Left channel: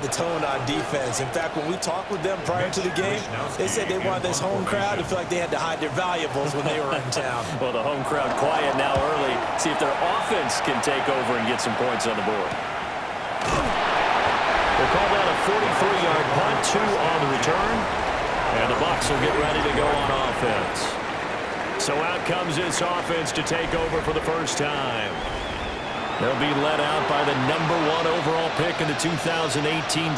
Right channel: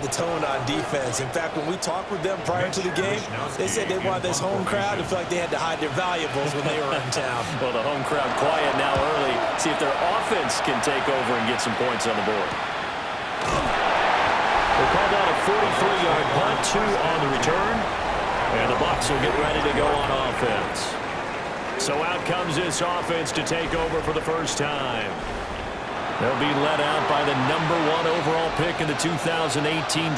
The tone on defense. In fact, when we talked with them prior to the game, they said they wanted this home crowd to feel like they had to hide their valuables when they were in town. Well, the home crowd quiet now early. See if their offense can take over and get some points on the board. We'll call that a 43-yard punt, 2 on the return. And the Bucs will get ready to go on offense. So out comes this offense to take over for the first time. They'll be led out by the #1 overall pick in the 2018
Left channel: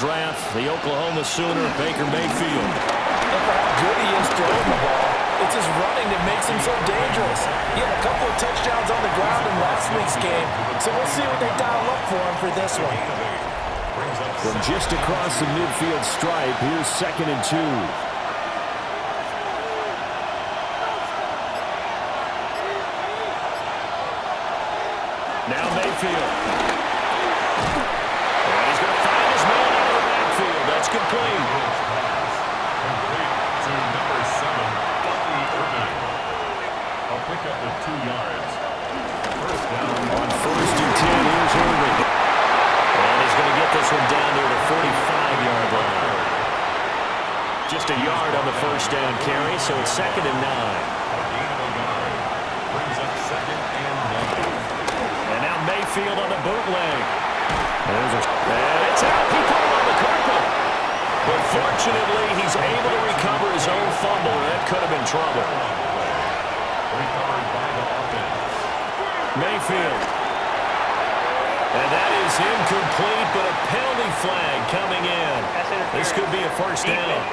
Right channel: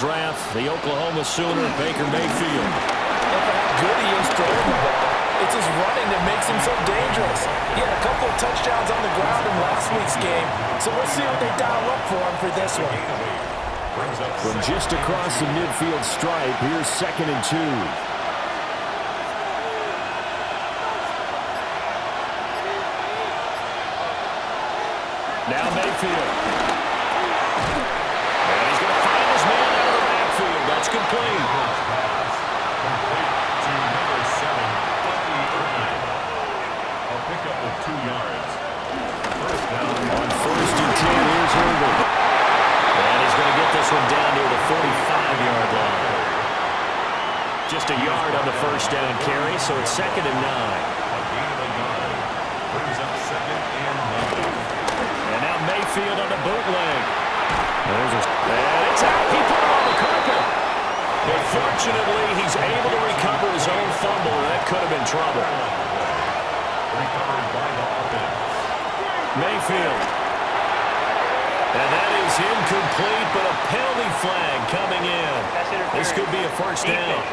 draft, the Oklahoma Sooner, Baker Mayfield. And for how good he is throwing the ball, it's his running that makes him so dangerous. He had a couple of touchdowns on the ground in last week's game, so we'll see what they dial up for him for this one. From just across the midfield stripe, here's 2nd and 2. Now Mayfield. And he's going to find his man out of the backfield. That's complete. Complete to number 7, Bucky Irving. A pickup of 2 yards. First down. On 1st and 10, here's Irving. And he's going to get this one down near the 45-yard line. Just a yard on the first down carry, so it's 2nd and 9. A gain of a yard. Brings up 2nd and 9. And now Mayfield on the bootleg. And it's out. He put it on the carpet. But fortunately, he's able to recover his own fumble. That could have been trouble. Recovered by the offense. Mayfield. And that is incomplete, but a penalty flag coming in. This could be a first down.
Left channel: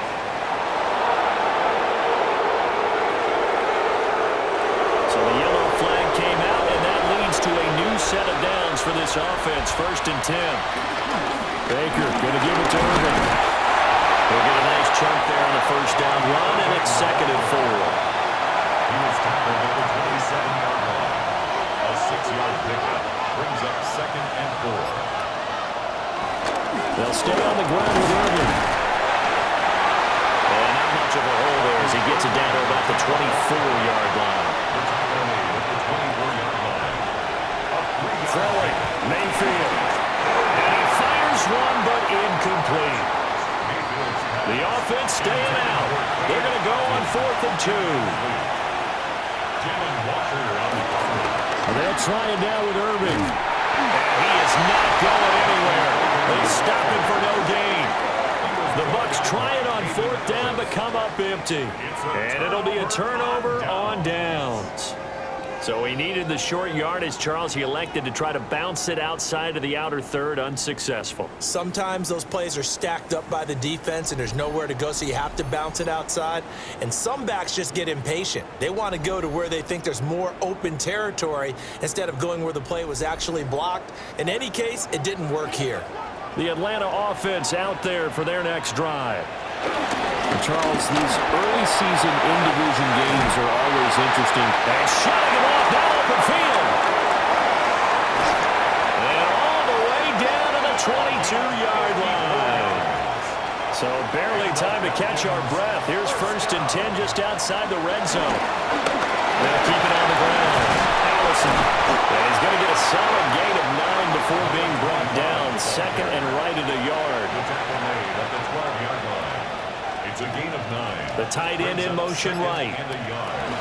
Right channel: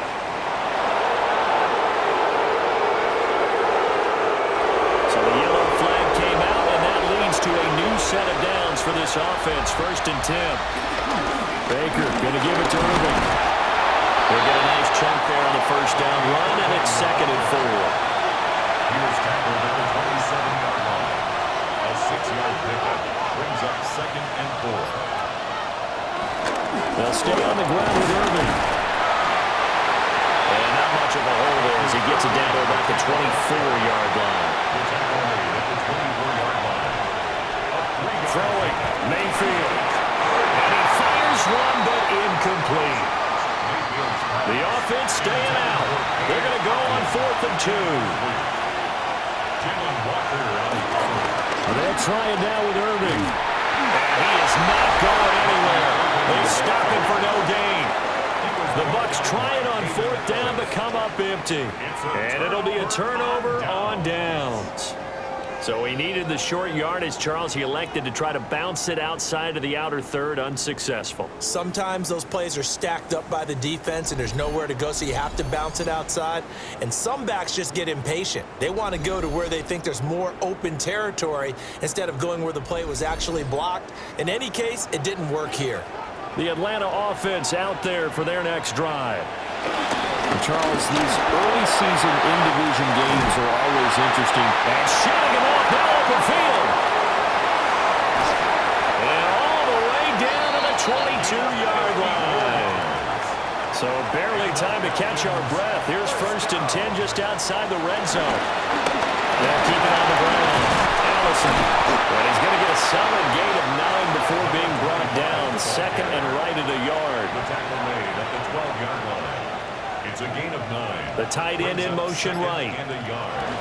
So the yellow flag came out, and that leads to a new set of downs for this offense. 1st and 10. Baker going to give it to Irving. He'll get a nice chunk there on the first down run, and it's 2nd and 4. He was tackled at the 27-yard line. A 6-yard pickup brings up 2nd and 4. They'll stay on the ground with Irving. And not much of a hole there as he gets it down to about the 24-yard line. The tackle made at the 24-yard line. A 3-yard Throwing, Mayfield. And he fires one, but incomplete. The offense staying out. They're going to go on 4th and 2. Jalen Walker on the cover. They'll try it now with Irving. And he is not going anywhere. They stop him for no gain. The Bucs try it on 4th down, but come up empty. And it'll be a turnover on downs. So he needed the short yardage, Charles. He elected to try to bounce it outside of the outer third, unsuccessful. Sometimes those plays are stacked up by the defense and there's nowhere to go, so you have to bounce it outside. And some backs just get impatient. They want to go to where they think there's more open territory instead of going where the play was actually blocked. In any case, it didn't work here. The Atlanta offense out there for their next drive. Charles, these early season in-division games are always interesting. And shutting him off now, open field. And all the way down to the 22-yard line. So barely time to catch our breath. Here's 1st and 10 just outside the red zone. They'll keep it on the ground. Allison. And he's going to get a solid gain of 9 before being brought down. 2nd and right at a yard. The tackle made at the 12-yard line. It's a gain of 9. The tight end in motion right. And a yard.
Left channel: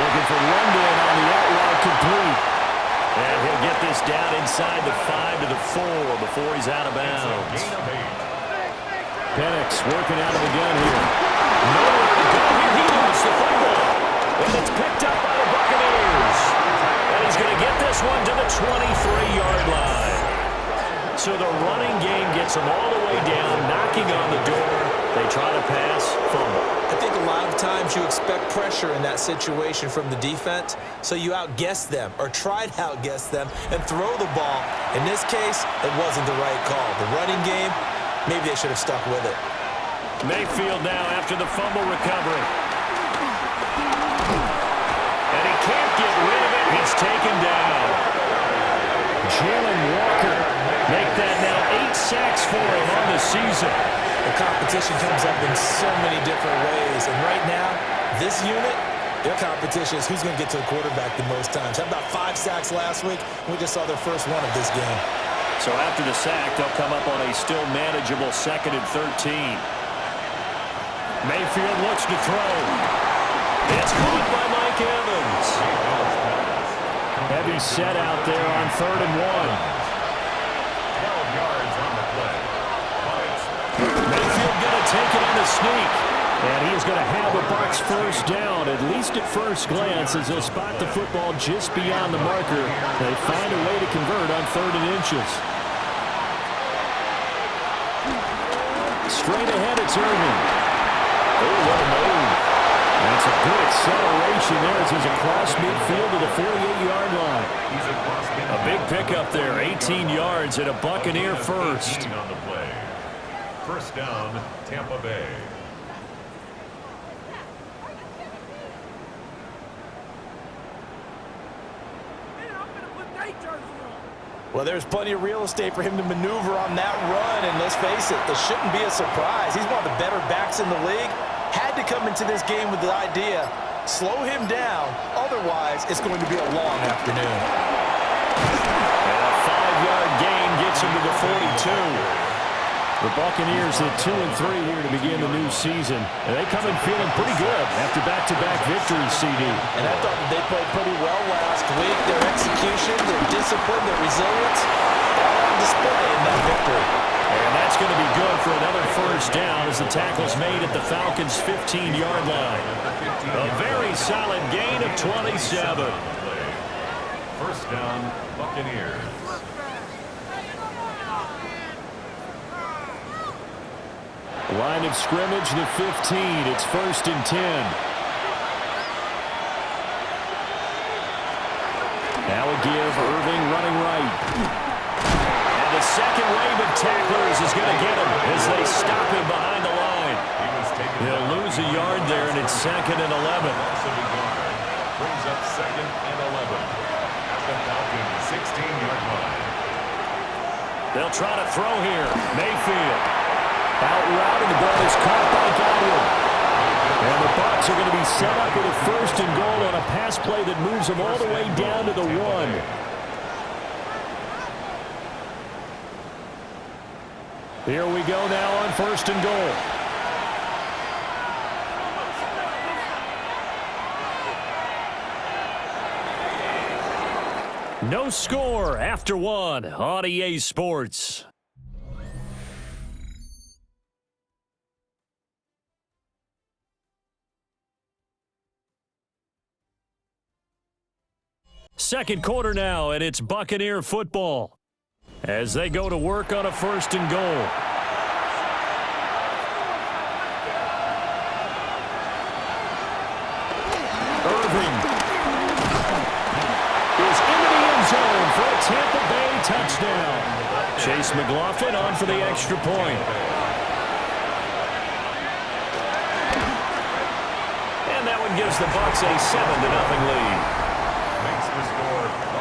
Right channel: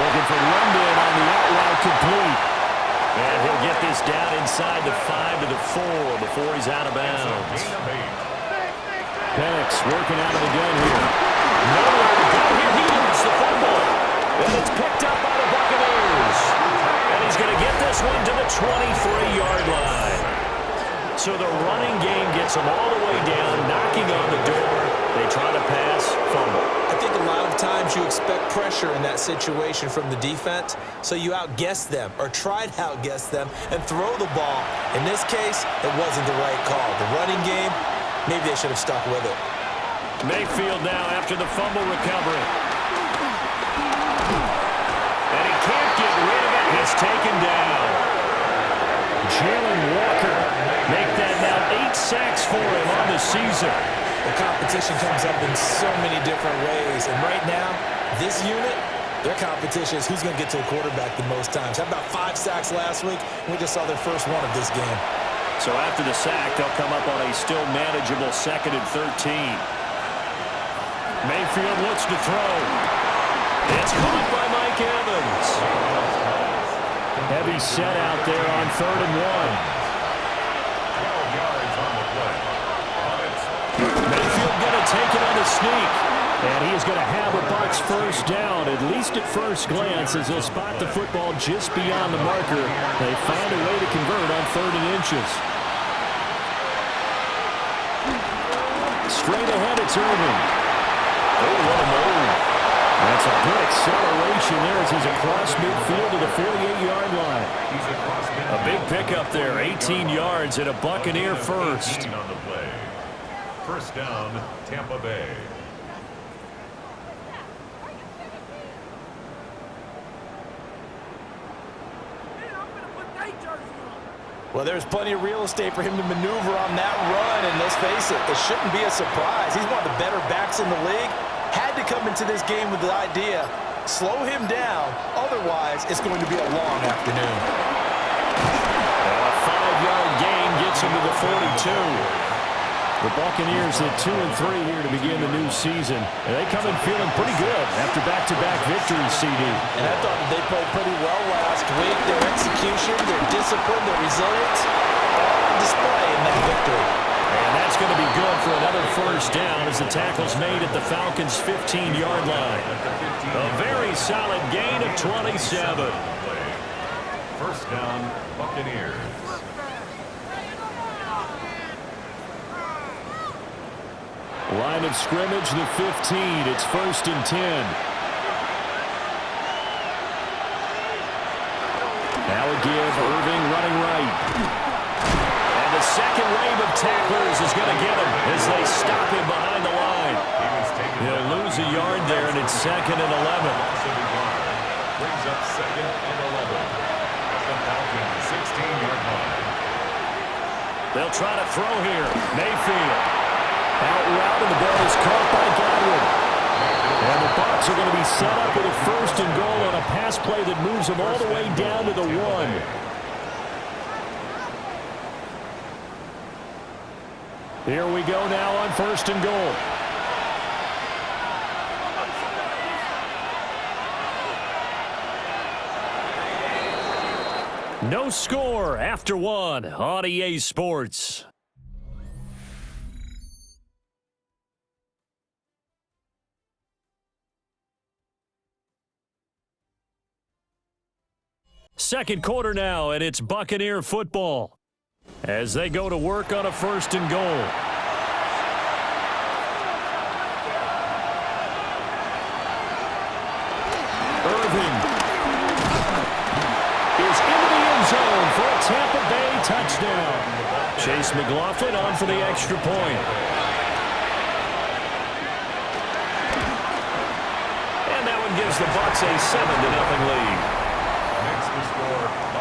Looking for London on the out route complete. And he'll get this down inside the 5 to the 4 before he's out of bounds. Gain of 8. Penix working out of the gun here. Nowhere to go here. He lost the football. And it's picked up by the Buccaneers. And he's going to get this one to the 23-yard line. So the running game gets them all the way down, knocking on the door. They try to pass, fumble. I think a lot of times you expect pressure in that situation from the defense, so you outguess them or try to outguess them and throw the ball. In this case, it wasn't the right call. The running game, maybe they should have stuck with it. Mayfield now after the fumble recovery. And he can't get rid of it. He's taken down. Jalen Walker make that now 8 sacks for him on the season. The competition comes up in so many different ways, and right now, this unit, their competition is who's going to get to the quarterback the most times. How about 5 sacks last week? We just saw their first one of this game. So after the sack, they'll come up on a still manageable 2nd and 13. Mayfield looks to throw. It's caught by Mike Evans. Heavy set out there on 3rd and 1. 12 yards on the play. Mayfield going to take it on the sneak. And he is going to have a Bucs first down, at least at first glance, as they'll spot the football just beyond the marker. They find a way to convert on 3rd and inches. Straight ahead, it's Irving. Oh, what a move. That's a good acceleration there as he's across midfield to the 48-yard line. A big pickup there, 18 yards and a Buccaneer first. On the play. First down, Tampa Bay. Well, there's plenty of real estate for him to maneuver on that run, and let's face it, it shouldn't be a surprise. He's one of the better backs in the league. Had to come into this game with the idea, slow him down, otherwise it's going to be a long afternoon. And a 5-yard gain gets him to the 42. The Buccaneers at 2-3 here to begin the new season. And they come in feeling pretty good after back-to-back victories, CD. And I thought that they played pretty well last week. Their execution, their discipline, their resilience, all on display in that victory. And that's going to be good for another first down as the tackle's made at the Falcons' 15-yard line. A very solid gain of 27. First down, Buccaneers. Line of scrimmage, the 15. It's 1st and 10. Now a give, Irving running right. And the second wave of tacklers is going to get him as they stop him behind the line. He'll lose a yard there, and it's 2nd and 11. Brings up 2nd and 11 at the Falcons' 16-yard line. They'll try to throw here. Mayfield. Out route, and the ball is caught by Godwin. And the Bucs are going to be set up with a 1st and goal on a pass play that moves them all the way down to the 1. Here we go now on 1st and goal. No score after 1 on EA Sports. Second quarter now, and it's Buccaneer football as they go to work on a 1st and goal. Irving is into the end zone for a Tampa Bay touchdown. Chase McLaughlin on for the extra point. And that one gives the Bucs a 7-0 lead.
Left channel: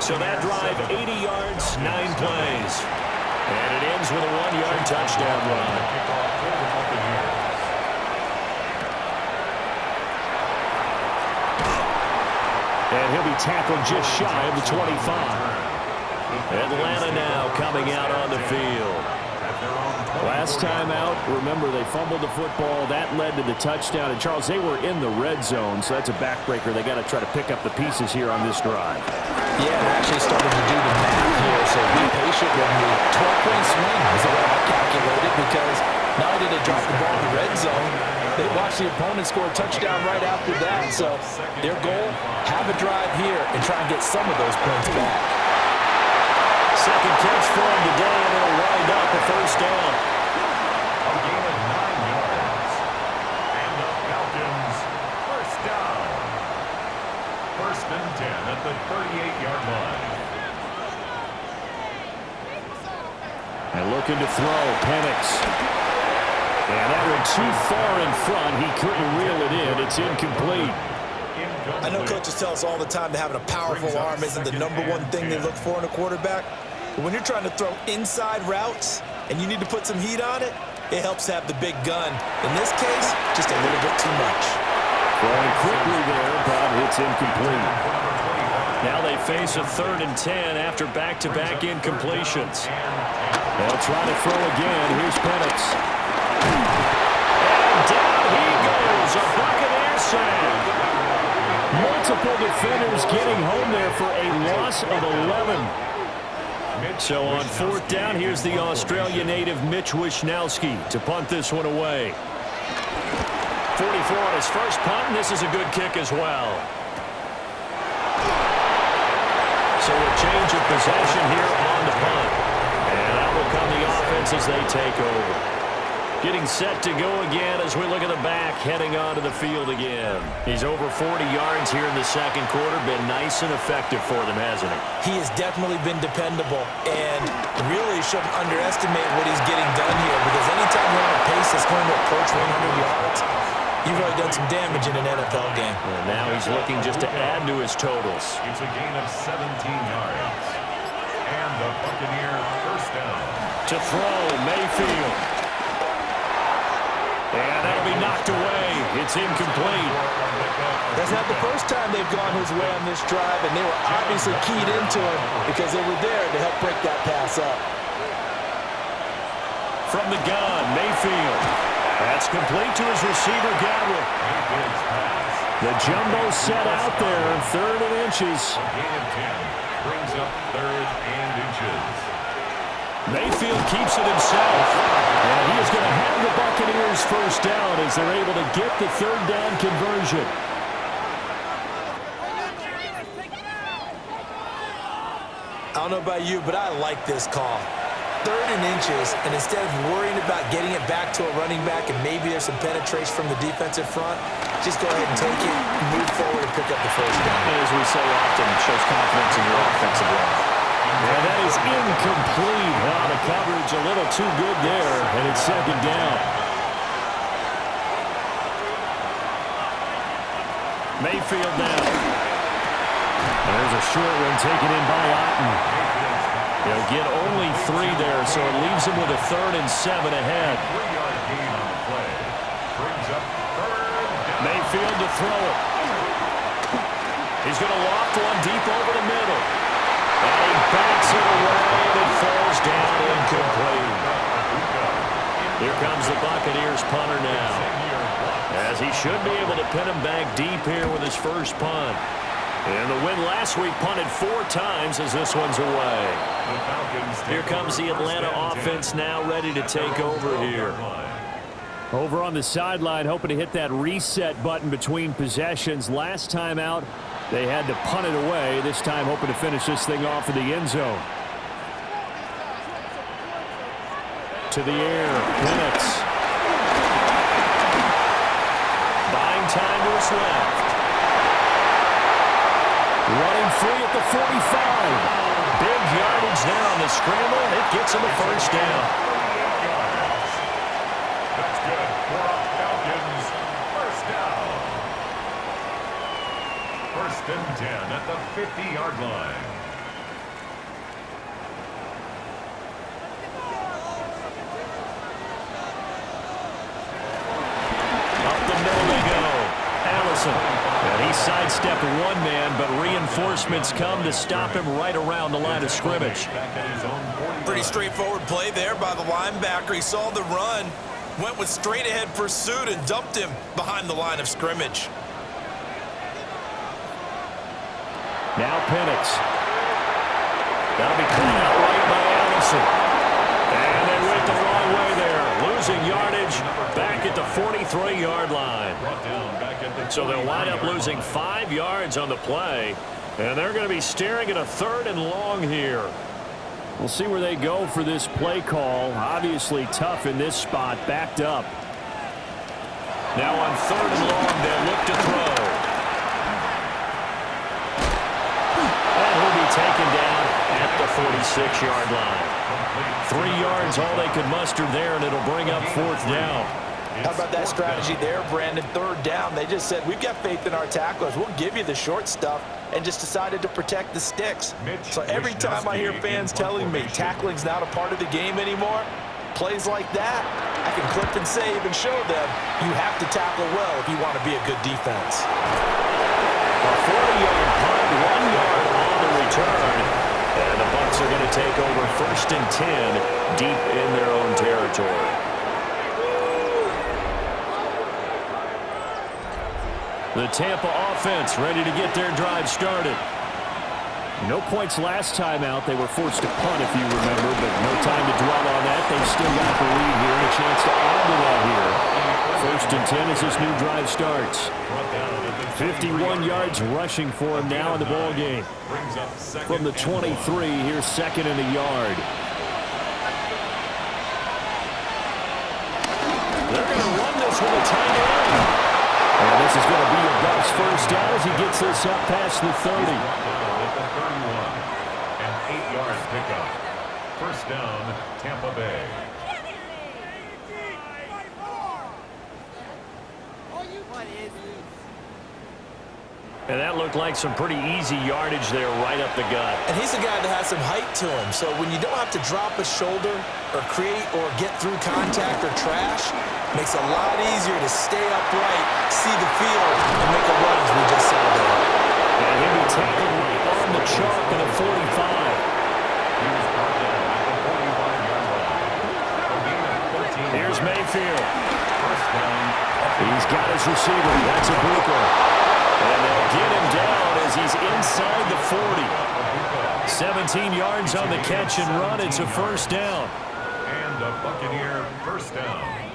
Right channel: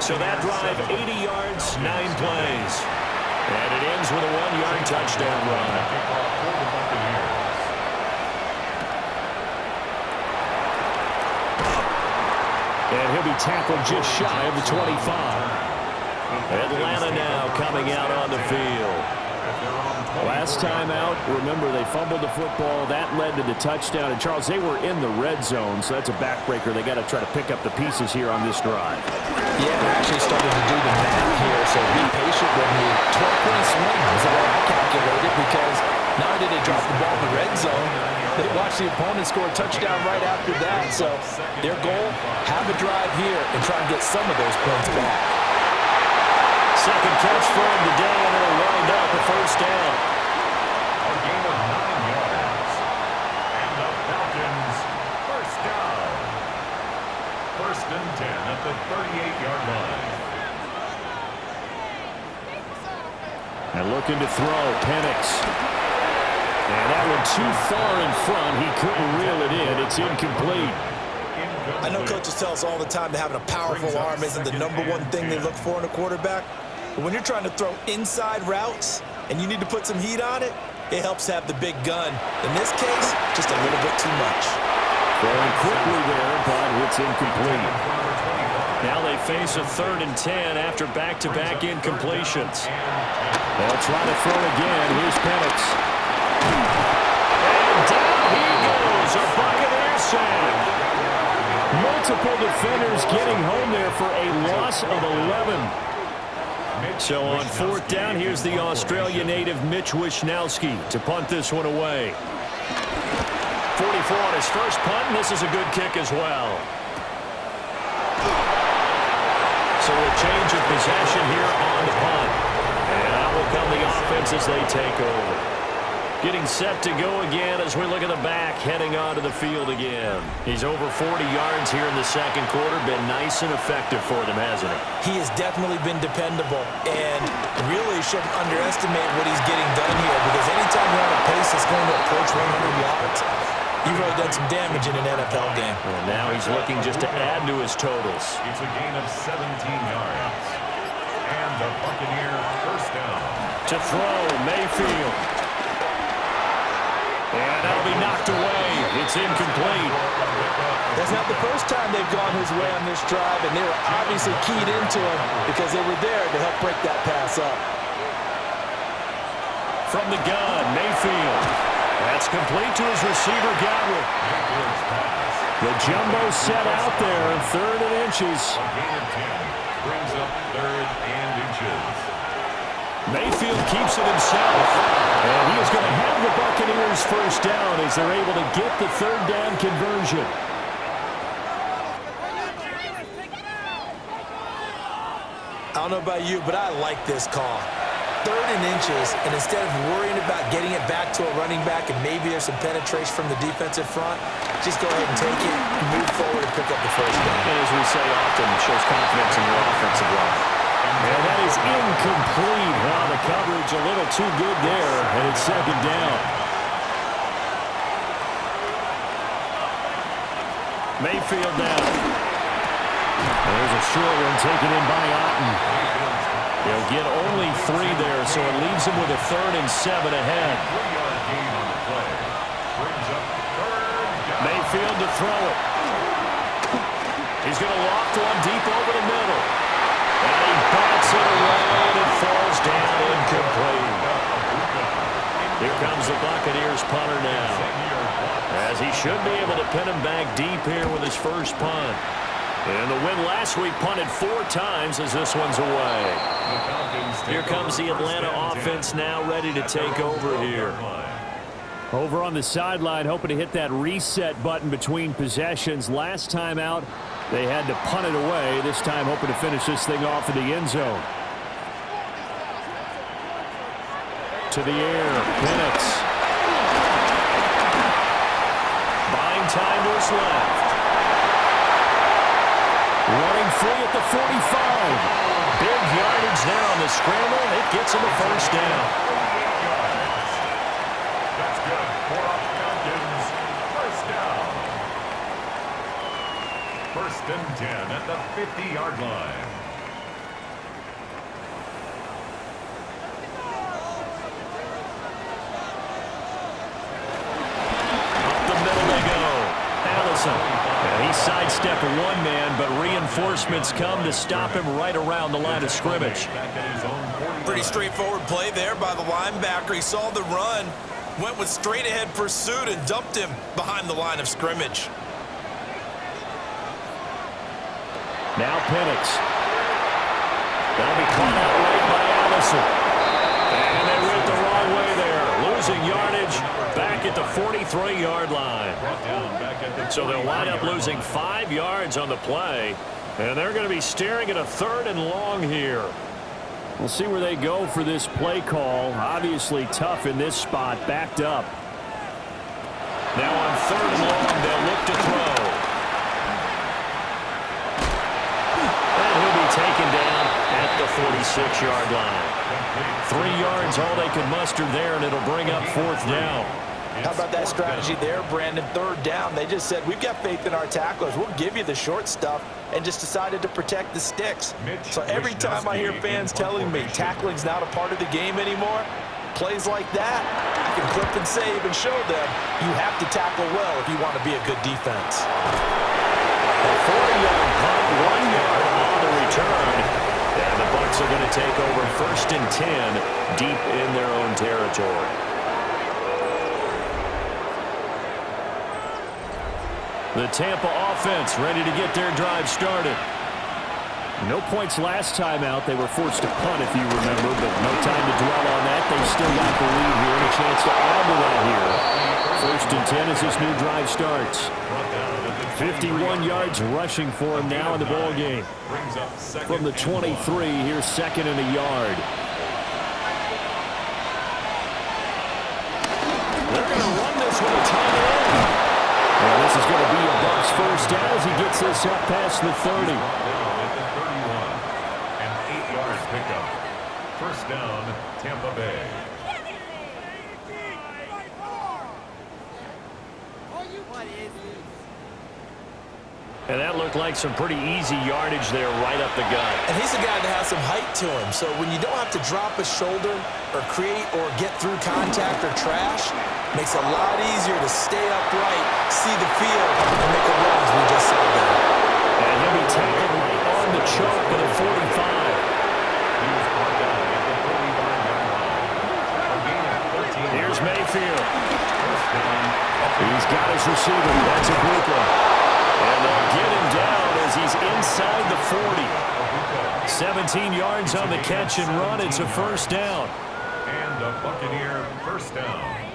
So that drive, 80 yards, 9 plays. And it ends with a 1-yard touchdown run. And he'll be tackled just shy of the 25. Atlanta now coming out on the field. Last time out, remember, they fumbled the football. That led to the touchdown. And, Charles, they were in the red zone, so that's a backbreaker. They got to try to pick up the pieces here on this drive. Yeah, and actually started to do the math here, so be patient with me. 12-point swing is the way I calculate it, because not only did they drop the ball in the red zone, they watched the opponent score a touchdown right after that. So their goal, have a drive here and try and get some of those points back. Second catch for him today, and it'll wind up a first down. A gain of 9 yards. And the Falcons, first down. 1st and 10 at the 38-yard line. And looking to throw, Penix. And that one too far in front. He couldn't reel it in. It's incomplete. I know coaches tell us all the time that having a powerful arm isn't the #1 thing they look for in a quarterback. But when you're trying to throw inside routes and you need to put some heat on it, it helps to have the big gun. In this case, just a little bit too much. Throwing quickly there, but it's incomplete. Now they face a 3rd and 10 after back-to-back incompletions. They'll try to throw again. Here's Penix. And down he goes. A Buccaneer sack. Multiple defenders getting home there for a loss of 11. So on 4th down, here's the Australia native Mitch Wishnowsky to punt this one away. 44 on his first punt, and this is a good kick as well. So a change of possession here on the punt. And out will come the offense as they take over. Getting set to go again as we look at the back, heading onto the field again. He's over 40 yards here in the second quarter. Been nice and effective for them, hasn't he? He has definitely been dependable, and really shouldn't underestimate what he's getting done here, because anytime you're on a pace that's going to approach 100 yards, you've really done some damage in an NFL game. And now he's looking just to add to his totals. It's a gain of 17 yards. And the Buccaneer first down. To throw, Mayfield. And that'll be knocked away. It's incomplete. That's not the first time they've gone his way on this drive, and they were obviously keyed into him because they were there to help break that pass up. From the gun, Mayfield. That's complete to his receiver, Godwin. Mayfield's pass. The jumbo set out there, 3rd and inches. A gain of 10 brings up 3rd and inches. Mayfield keeps it himself. And he is going to have the Buccaneers first down as they're able to get the 3rd down conversion. I don't know about you, but I like this call. 3rd and inches, and instead of worrying about getting it back to a running back and maybe there's some penetration from the defensive front, just go ahead and take it, move forward, and pick up the first down. And as we say often, it shows confidence in your offensive line. And that is incomplete. Now the coverage a little too good there, and it's 2nd down. Mayfield now. And there's a short one taken in by Otten. They'll get only 3 there, so it leaves them with a 3rd and 7 ahead. 3-yard gain on the play. Brings up 3rd down. Mayfield to throw it. He's going to loft one deep over the middle. And he bats it away, and it falls down incomplete. Here comes the Buccaneers punter now, as he should be able to pin him back deep here with his first punt. And the win last week punted 4 times as this one's away. Here comes the Atlanta offense now ready to take over here. Over on the sideline, hoping to hit that reset button between possessions. Last time out, they had to punt it away. This time hoping to finish this thing off in the end zone. To the air, Penix. Buying time to his left. Running free at the 45. Big yardage there on the scramble. It gets him a first down. 38 yards. That's good for a Falcons first down. 1st and 10 at the 50-yard line. Up the middle they go. Allison. And he sidestepped one man, but reinforcements come to stop him right around the line of scrimmage. Pretty straightforward play there by the linebacker. He saw the run, went with straight-ahead pursuit, and dumped him behind the line of scrimmage. Now Penix. That'll be caught out right by Allison. And they went the wrong way there. Losing yardage back at the 43-yard line. So they'll wind up losing 5 yards on the play. And they're going to be staring at a 3rd and long here. We'll see where they go for this play call. Obviously tough in this spot, backed up. Now on 3rd and long, they'll look to throw. And he'll be taken down at the 46-yard line. 3 yards, all they could muster there, and it'll bring up 4th down. How about that strategy there, Brandon? 3rd down. They just said, we've got faith in our tacklers. We'll give you the short stuff, and just decided to protect the sticks. So every time I hear fans telling me tackling's not a part of the game anymore, plays like that, I can clip and save and show them you have to tackle well if you want to be a good defense. A 40-yard punt, 1 yard on the return. And the Bucs are going to take over 1st and 10 deep in their own territory. The Tampa offense ready to get their drive started. No points last time out. They were forced to punt, if you remember, but no time to dwell on that. They've still got the lead here and a chance to add to that here. 1st and 10 as this new drive starts. 51 yards rushing for him now in the ball game. From the 23, here's 2nd and a yard. They're going to run this with a tight end. And this is going to be a Bucs first down as he gets this up past the 30. At the 31, an 8-yard pickup. 1st down, Tampa Bay. And that looked like some pretty easy yardage there right up the gut. And he's a guy that has some height to him, so when you don't have to drop a shoulder or create or get through contact or trash, makes it a lot easier to stay upright, see the field, and make a run as we just saw there. And he'll be tackled right on the chalk at the 45. He was brought down at the 45-yard line. A gain of 13. Here's Mayfield. 1st down. He's got his receiver. That's a Buka. And they'll get him down as he's inside the 40. 17 yards on the catch and run. It's a 1st down. And a Buccaneer 1st down.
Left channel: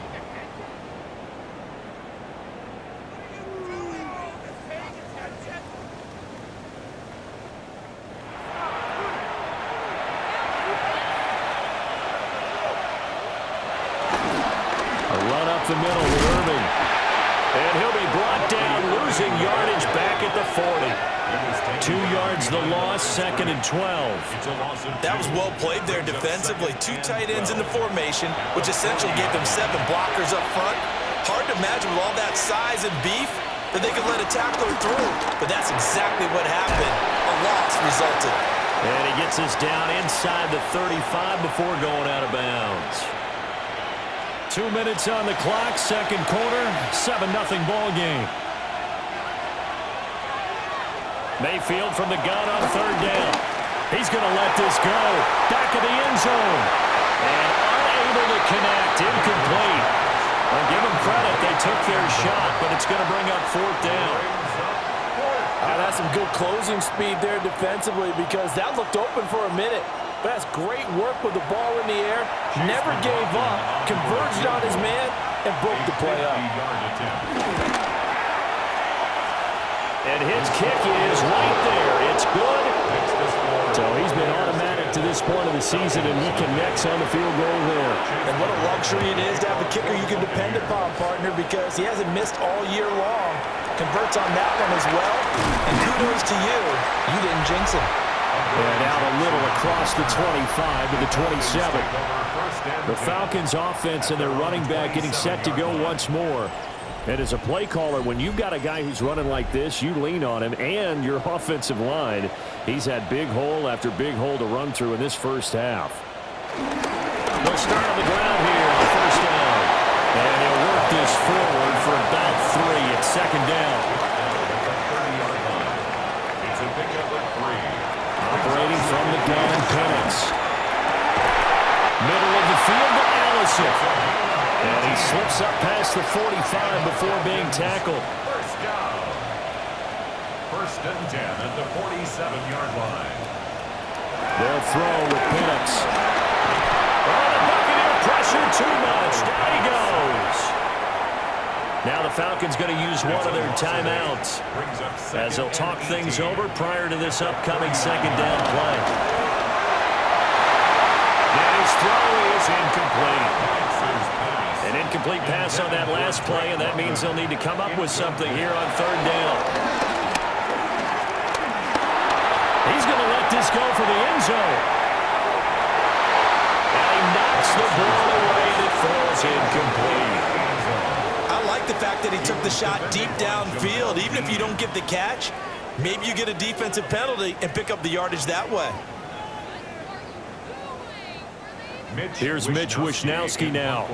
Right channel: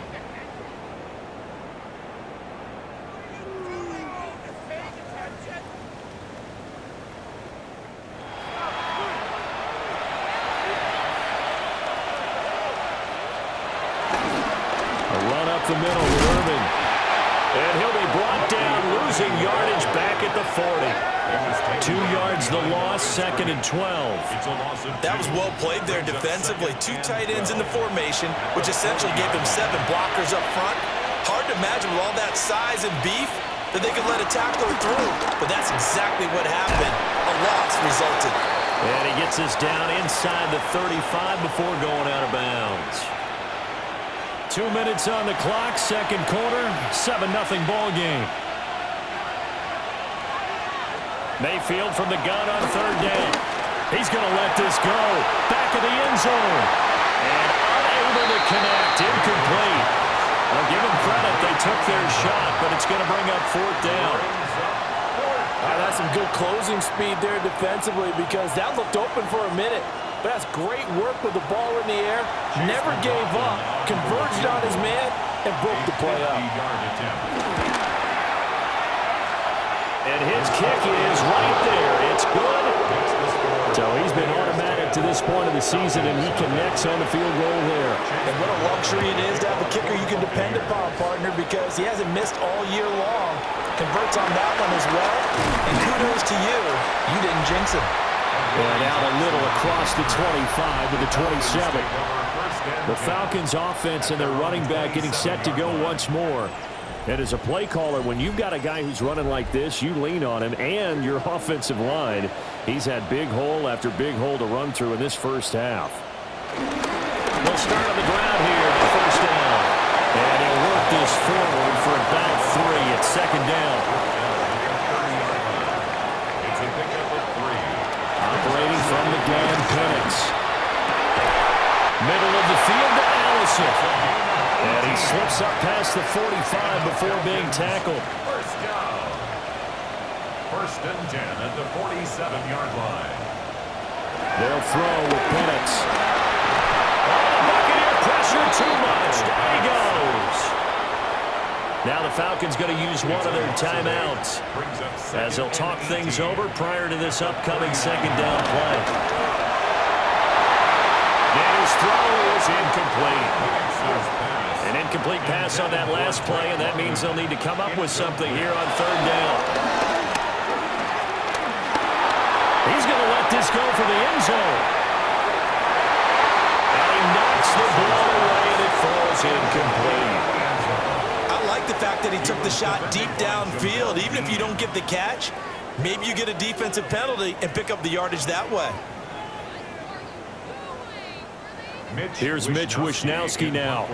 A run up the middle with Irving. And he'll be brought down, losing yardage back at the 40. 2 yards the loss, 2nd and 12. That was well played there defensively. 2 tight ends in the formation, which essentially gave them 7 blockers up front. Hard to imagine with all that size and beef that they could let a tackler through. But that's exactly what happened. A loss resulted. And he gets us down inside the 35 before going out of bounds. 2 minutes on the clock, 2nd quarter, 7-0 ball game. Mayfield from the gun on 3rd down. He's going to let this go. Back of the end zone. And unable to connect. Incomplete. I'll give them credit. They took their shot, but it's going to bring up 4th down. That's some good closing speed there defensively because that looked open for a minute. But that's great work with the ball in the air. Never gave up, converged on his man, and broke the play up. And his kick is right there. It's good. So he's been automatic to this point of the season, and he connects on the field goal there. And what a luxury it is to have a kicker you can depend upon, partner, because he hasn't missed all year long. Converts on that one as well. And kudos to you. You didn't jinx him. And out a little across the 25 to the 27. The Falcons offense and their running back getting set to go once more. And as a play caller, when you've got a guy who's running like this, you lean on him and your offensive line. He's had big hole after big hole to run through in this first half. They'll start on the ground here on 1st down. And he'll work this forward for about 3 at 2nd down. It's a pickup of 3. Operating from the gun, Penix. Middle of the field to Allison. And he slips up past the 45 before being tackled. 1st down. 1st and 10 at the 47-yard line. They'll throw with Penix. Oh, the Buccaneer pressure too much. Down he goes. Now the Falcons going to use one of their timeouts as they'll talk things over prior to this upcoming 2nd down play. And his throw is incomplete. An incomplete pass on that last play, and that means they'll need to come up with something here on 3rd down. He's going to let this go for the end zone. And he knocks the ball away, and it falls incomplete. I like the fact that he took the shot deep downfield. Even if you don't get the catch, maybe you get a defensive penalty and pick up the yardage that way. Here's Mitch Wishnowsky now.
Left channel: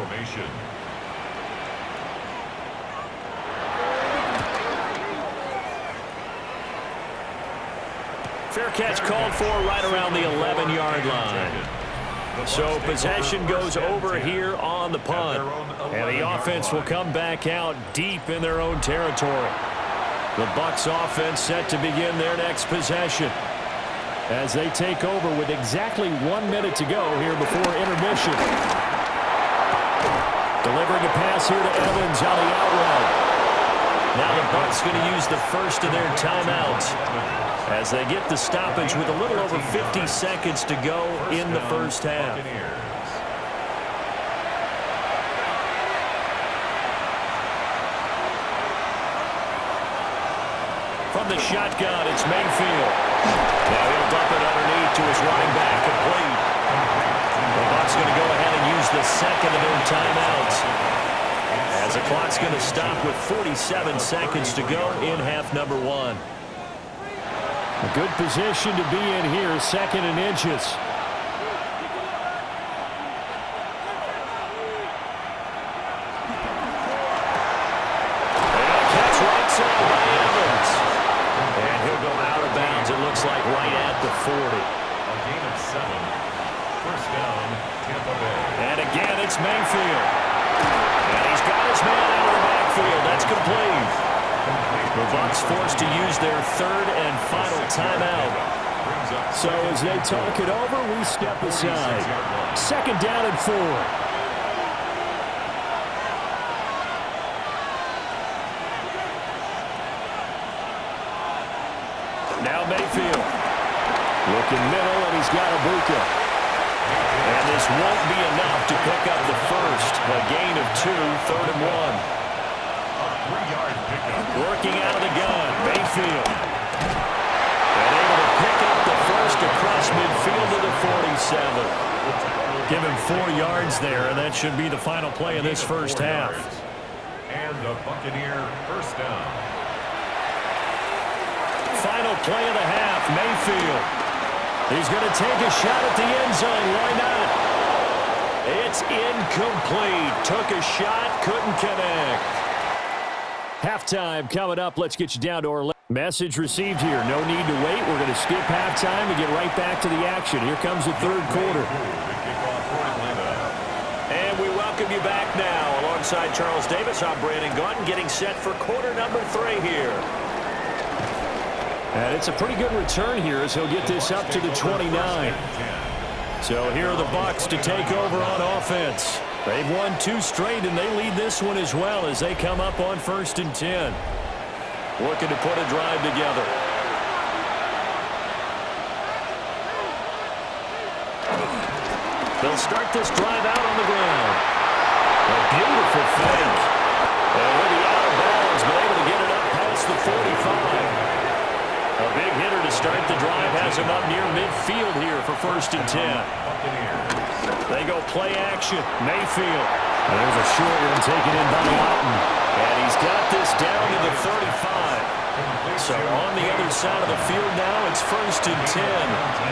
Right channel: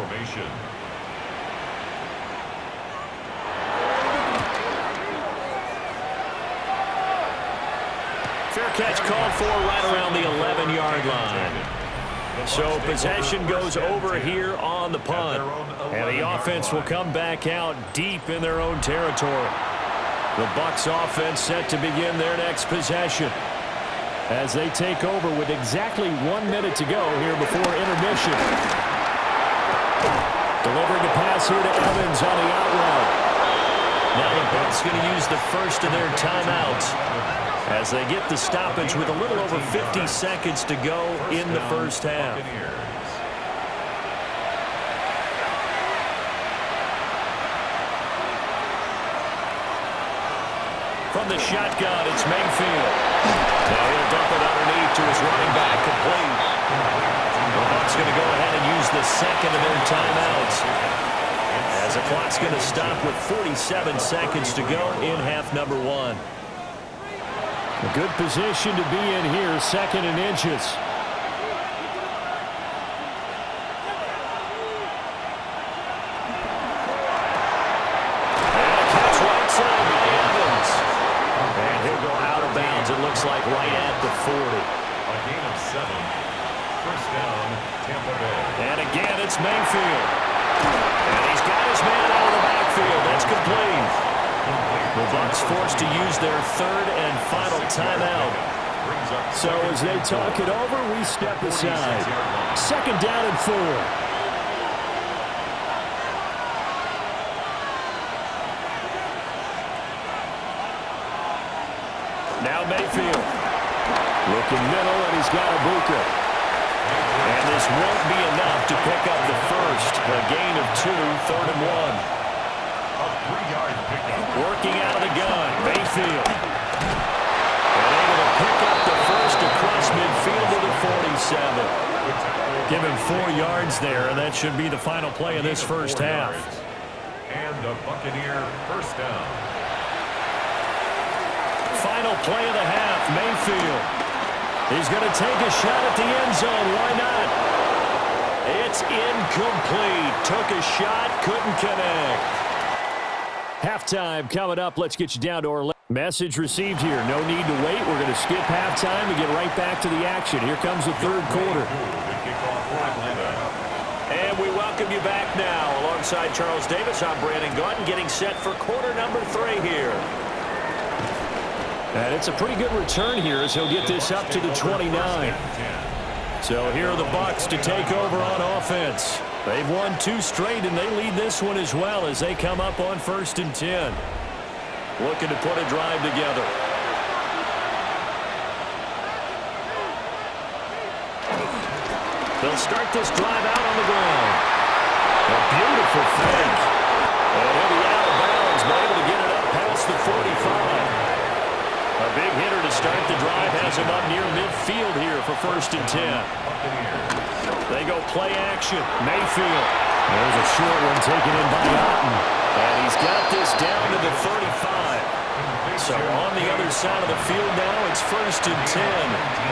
for right around the 11-yard line. So possession goes over here on the punt. And the offense will come back out deep in their own territory. The Bucs offense set to begin their next possession as they take over with exactly 1 minute to go here before intermission. Delivering a pass here to Evans on the out route. Now the Bucs going to use the first of their timeouts as they get the stoppage with a little over 50 seconds to go in the first half. From the shotgun, it's Mayfield. Now he'll dump it underneath to his running back, complete. The Bucs going to go ahead and use the second of their timeouts as the clock's going to stop with 47 seconds to go in half number one. A good position to be in here, second and inches. And a catch right side by Evans. And he'll go out of bounds, it looks like, right at the 40. A gain of 7. First down, Tampa Bay. And again, it's Mayfield. And he's got his man out of the backfield. That's complete. The Bucs forced to use their third and final timeout. So as they talk it over, we step aside. Second down and 4. Now Mayfield. Looking middle, and he's got Ibuka. And this won't be enough to pick up the first. A gain of 2, third and 1. A 3-yard pickup. Working out of the gun, Mayfield. And able to pick up the first across midfield to the 47. Give him 4 yards there, and that should be the final play of this first half. And a Buccaneer first down. Final play of the half, Mayfield. He's going to take a shot at the end zone. Why not? It's incomplete. Took a shot, couldn't connect. Halftime coming up. Let's get you down to our message received here. No need to wait. We're going to skip halftime and get right back to the action. Here comes the third quarter. And we welcome you back now. Alongside Charles Davis, I'm Brandon Gaudin, getting set for quarter number 3 here. And it's a pretty good return here as he'll get this up to the 29. So here are the Bucs to take over on offense. They've won 2 straight, and they lead this one as well as they come up on 1st and 10. Looking to put a drive together. They'll start this drive out on the ground. A beautiful fake. And he'll be out of bounds, but able to get it up past the 45. A big hitter to start the drive has him up near midfield here for 1st and 10. They go play action. Mayfield. There's a short one taken in by Otten. And he's got this down to the 35. So on the other side of the field now, it's 1st and 10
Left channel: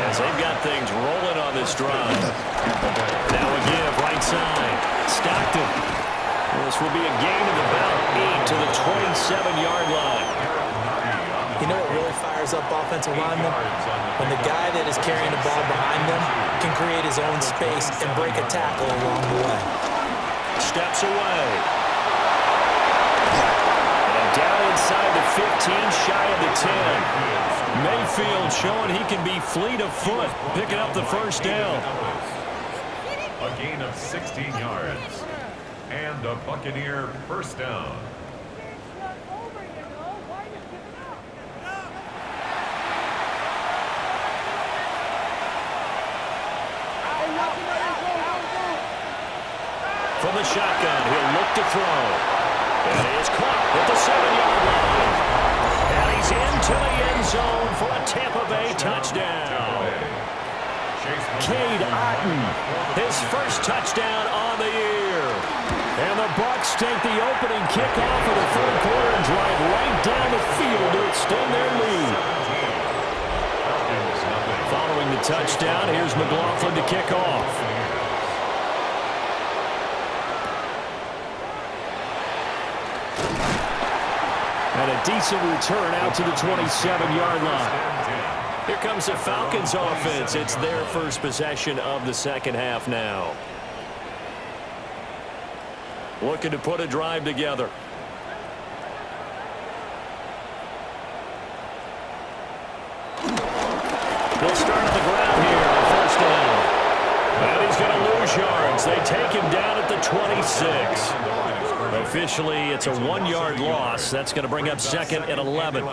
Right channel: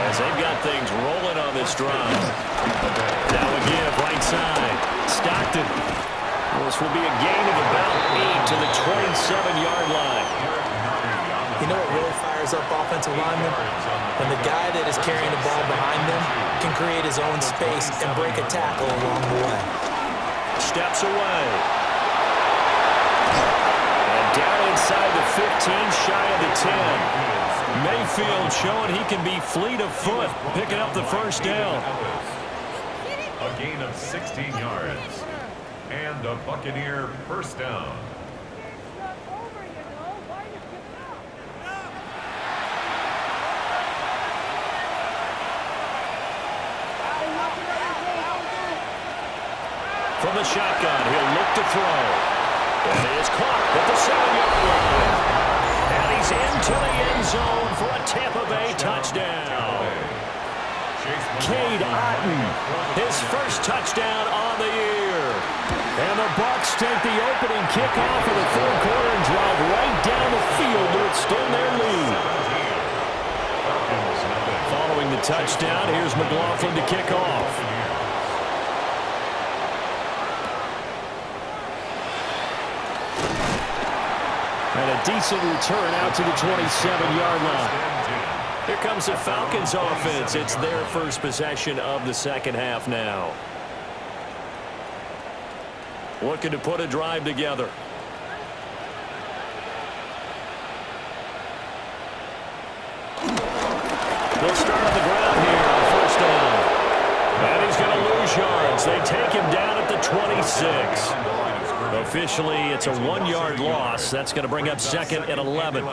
as they've got things rolling on this drive. Now a give right side. Stockton. This will be a gain of about 8 to the 27-yard line. You know what really fires up offensive linemen? When the guy that is carrying the ball behind them can create his own space and break a tackle along the way. Steps away. And down inside the 15, shy of the 10. Mayfield showing he can be fleet of foot, picking up the first down. A gain of 16 yards. And a Buccaneer first down. From the shotgun, he'll look to throw. And he is caught at the 7-yard line. And he's into the end zone for a Tampa Bay touchdown. Cade Otten, his first touchdown on the year. And the Bucs take the opening kickoff of the third quarter and drive right down the field to extend their lead. Following the touchdown, here's McLaughlin to kick off. And a decent return out to the 27-yard line. Here comes the Falcons offense. It's their first possession of the second half now. Looking to put a drive together. They'll start on the ground here on first down. And he's going to lose yards. They take him down at the 26. Officially, it's a 1-yard loss. That's going to bring up second and 11.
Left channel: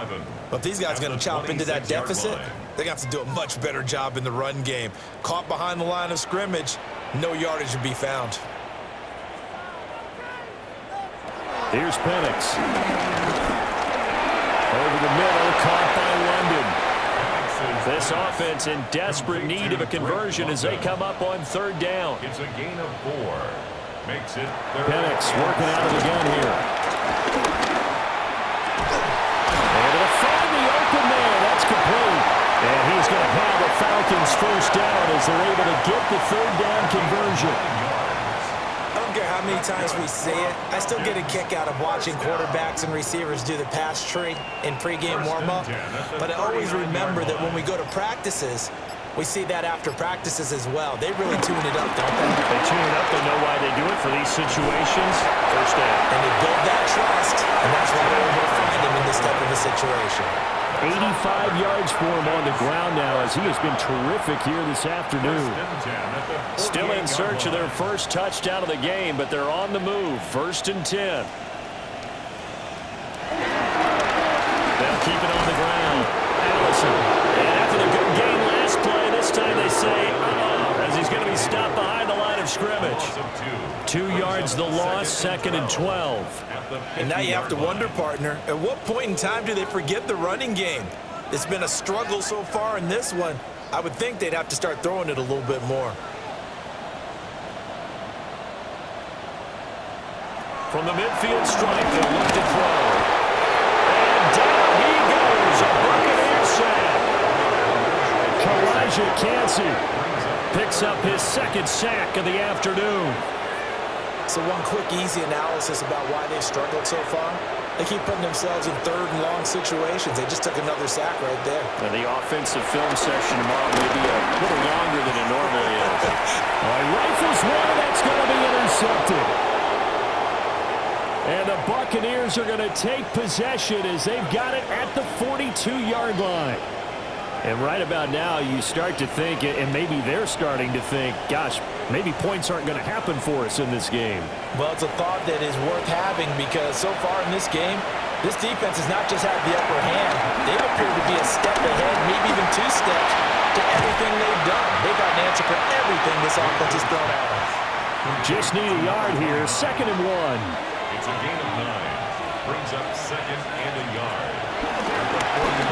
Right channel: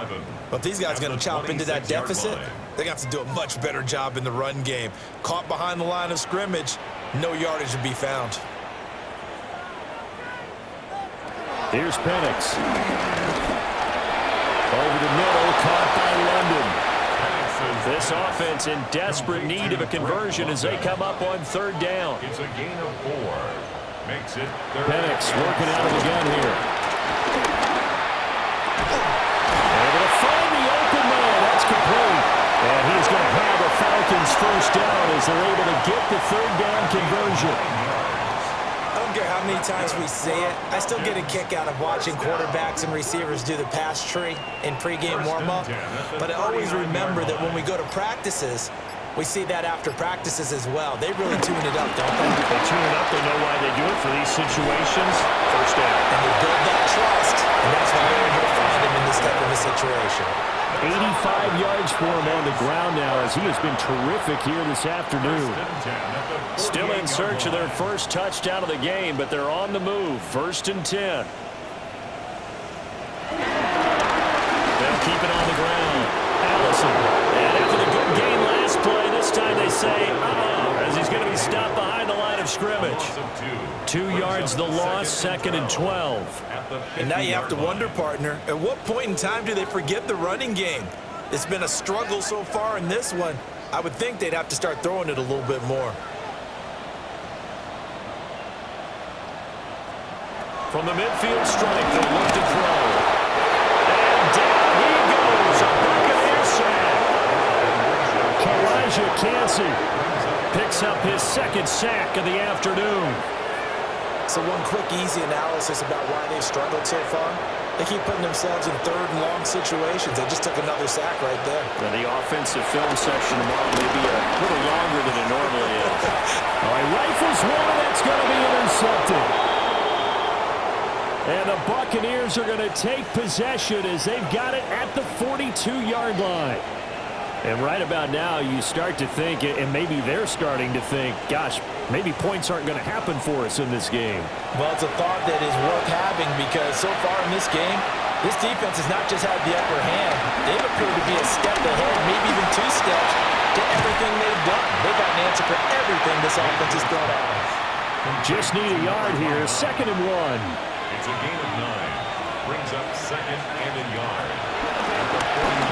But if these guys are going to chop into that deficit, they're going to have to do a much better job in the run game. Caught behind the line of scrimmage, no yardage to be found. Here's Penix. Over the middle, caught by London. This offense in desperate need of a conversion as they come up on third down. It's a gain of 4. Makes it third. Penix working out of the gun here. Able to find the open man. That's complete. And he's going to have a Falcons first down as they're able to get the third down conversion. I don't care how many times we see it. I still get a kick out of watching quarterbacks and receivers do the pass tree in pregame warm-up. But I always remember that when we go to practices, we see that after practices as well. They really tune it up, don't they? They tune it up. They know why they do it for these situations. First down. And they build that trust, and that's why they're able to find him in this type of a situation. 85 yards for him on the ground now as he has been terrific here this afternoon. Still in search of their first touchdown of the game, but they're on the move. First and 10. They'll keep it on the ground. Allison. And after the good game last play, this time they say, as he's going to be stopped behind the line of scrimmage. 2 yards the loss, second and 12. And now you have to wonder, partner, at what point in time do they forget the running game? It's been a struggle so far in this one. I would think they'd have to start throwing it a little bit more. From the midfield stripe, they'll look to throw. And down he goes, a Buccaneer sack. Kalijah Kancey picks up his second sack of the afternoon. So one quick, easy analysis about why they've struggled so far. They keep putting themselves in third and long situations. They just took another sack right there. Now the offensive film session tomorrow may be a little longer than it normally is. All right, rifles one, and that's going to be intercepted. And the Buccaneers are going to take possession as they've got it at the 42-yard line. And right about now, you start to think, and maybe they're starting to think, gosh, maybe points aren't going to happen for us in this game. Well, it's a thought that is worth having because so far in this game, this defense has not just had the upper hand. They've appeared to be a step ahead, maybe even 2 steps to everything they've done. They've got an answer for everything this offense has thrown at them. Just need a yard here, second and 1. It's a gain of 9. Brings up second and a yard.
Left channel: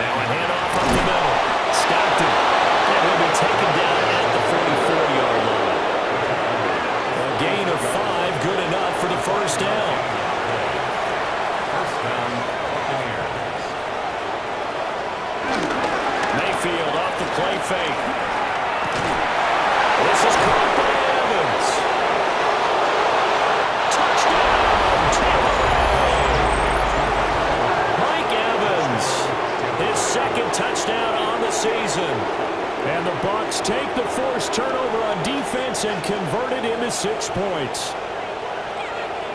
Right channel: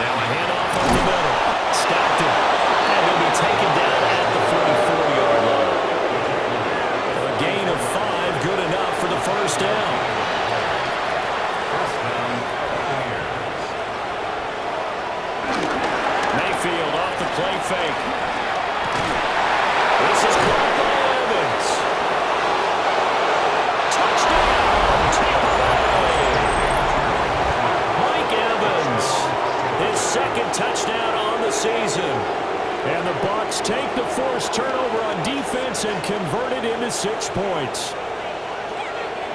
Now a handoff up the middle. Stockton. And he'll be taken down at the 44-yard line. A gain of 5, good enough for the first down. First down, Buccaneers. Mayfield off the play fake. This is caught by Evans. Touchdown, Tampa Bay. Mike Evans, his second touchdown on the season. And the Bucs take the forced turnover on defense and convert it into 6 points.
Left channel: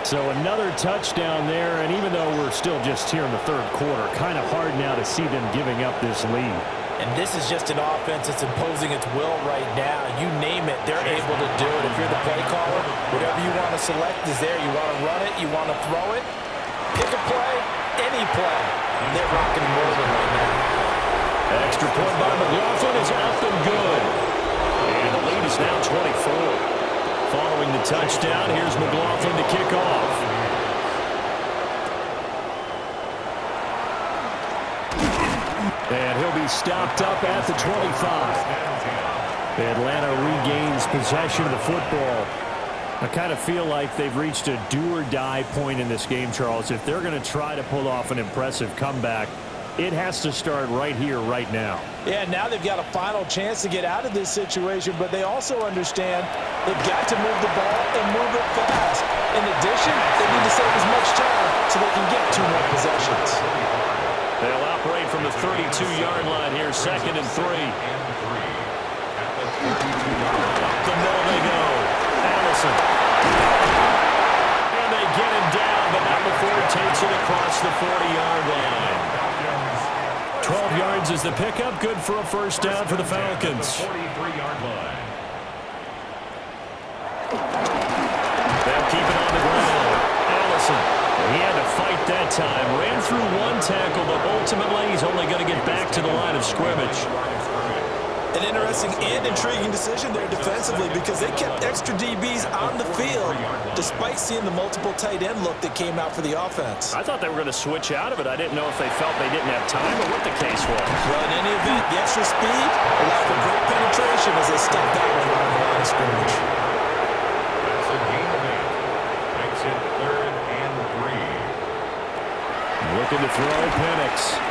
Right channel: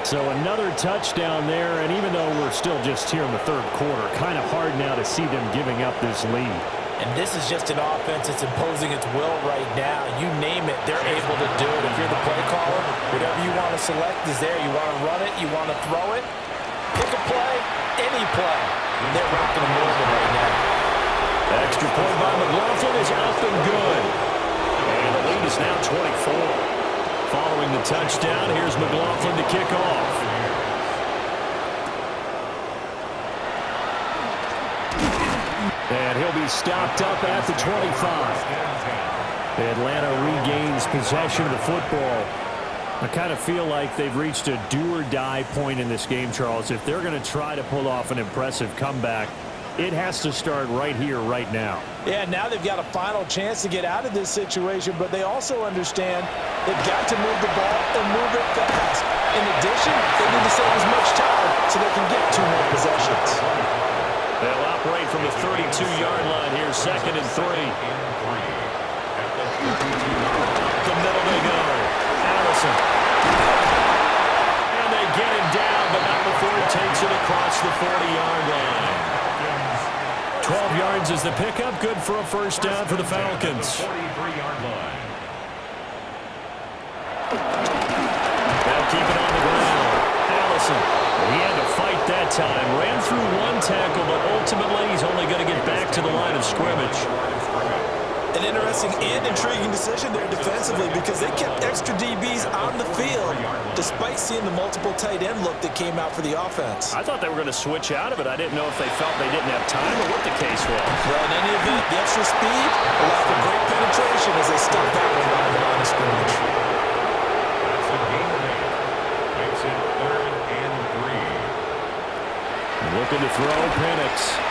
So another touchdown there, and even though we're still just here in the third quarter, kind of hard now to see them giving up this lead. And this is just an offense that's imposing its will right now. You name it, they're able to do it. If you're the play caller, whatever you want to select is there. You want to run it, you want to throw it, pick a play, any play. They're rocking and rolling right now. Extra point by McLaughlin is up and good. And the lead is now 24. Following the touchdown, here's McLaughlin to kick off. And he'll be stopped up at the 25. Atlanta regains possession of the football. I kind of feel like they've reached a do-or-die point in this game, Charles. If they're going to try to pull off an impressive comeback, it has to start right here, right now. Yeah, now they've got a final chance to get out of this situation, but they also understand they've got to move the ball and move it fast. In addition, they need to save as much time so they can get 2 more possessions. They'll operate from the 32-yard line here, 2nd and 3. Up the middle they go. Allison. And they get him down, but not before he takes it across the 40-yard line. 12 yards is the pickup. Good for a first down for the Falcons. 43-yard line. They'll keep it on the ground. Allison. He had to fight that time. Ran through one tackle, but ultimately he's only going to get back to the line of scrimmage. An interesting and intriguing decision there defensively because they kept extra DBs on the field despite seeing the multiple tight end look that came out for the offense. I thought they were going to switch out of it. I didn't know if they felt they didn't have time or what the case was. Well, in any event, the extra speed allowed for great penetration as they stopped that one behind the line of scrimmage. That's a gain of 8. Makes it 3rd and 3. Looking to throw, Penix.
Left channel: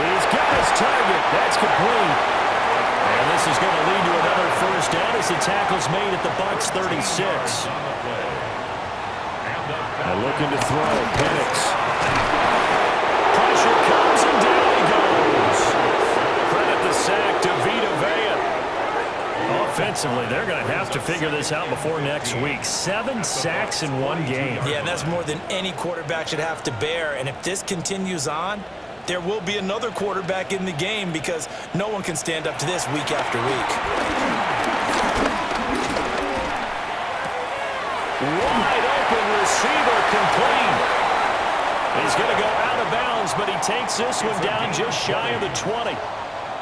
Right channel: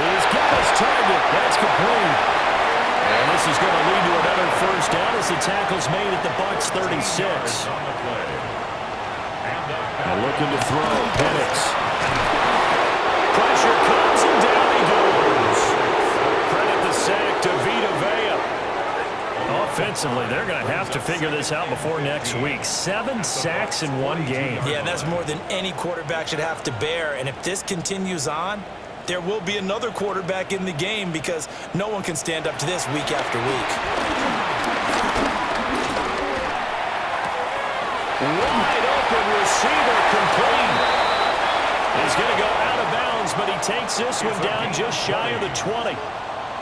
He's got his target. That's complete. And this is going to lead to another first down as the tackle's made at the Bucs 36. And looking to throw, Penix. Pressure comes and down he goes. Credit the sack to Vita Vea. Offensively, they're going to have to figure this out before next week. 7 sacks in one game. Yeah, and that's more than any quarterback should have to bear. And if this continues on, there will be another quarterback in the game because no one can stand up to this week after week. Wide open receiver complete. He's going to go out of bounds, but he takes this one down just shy of the 20.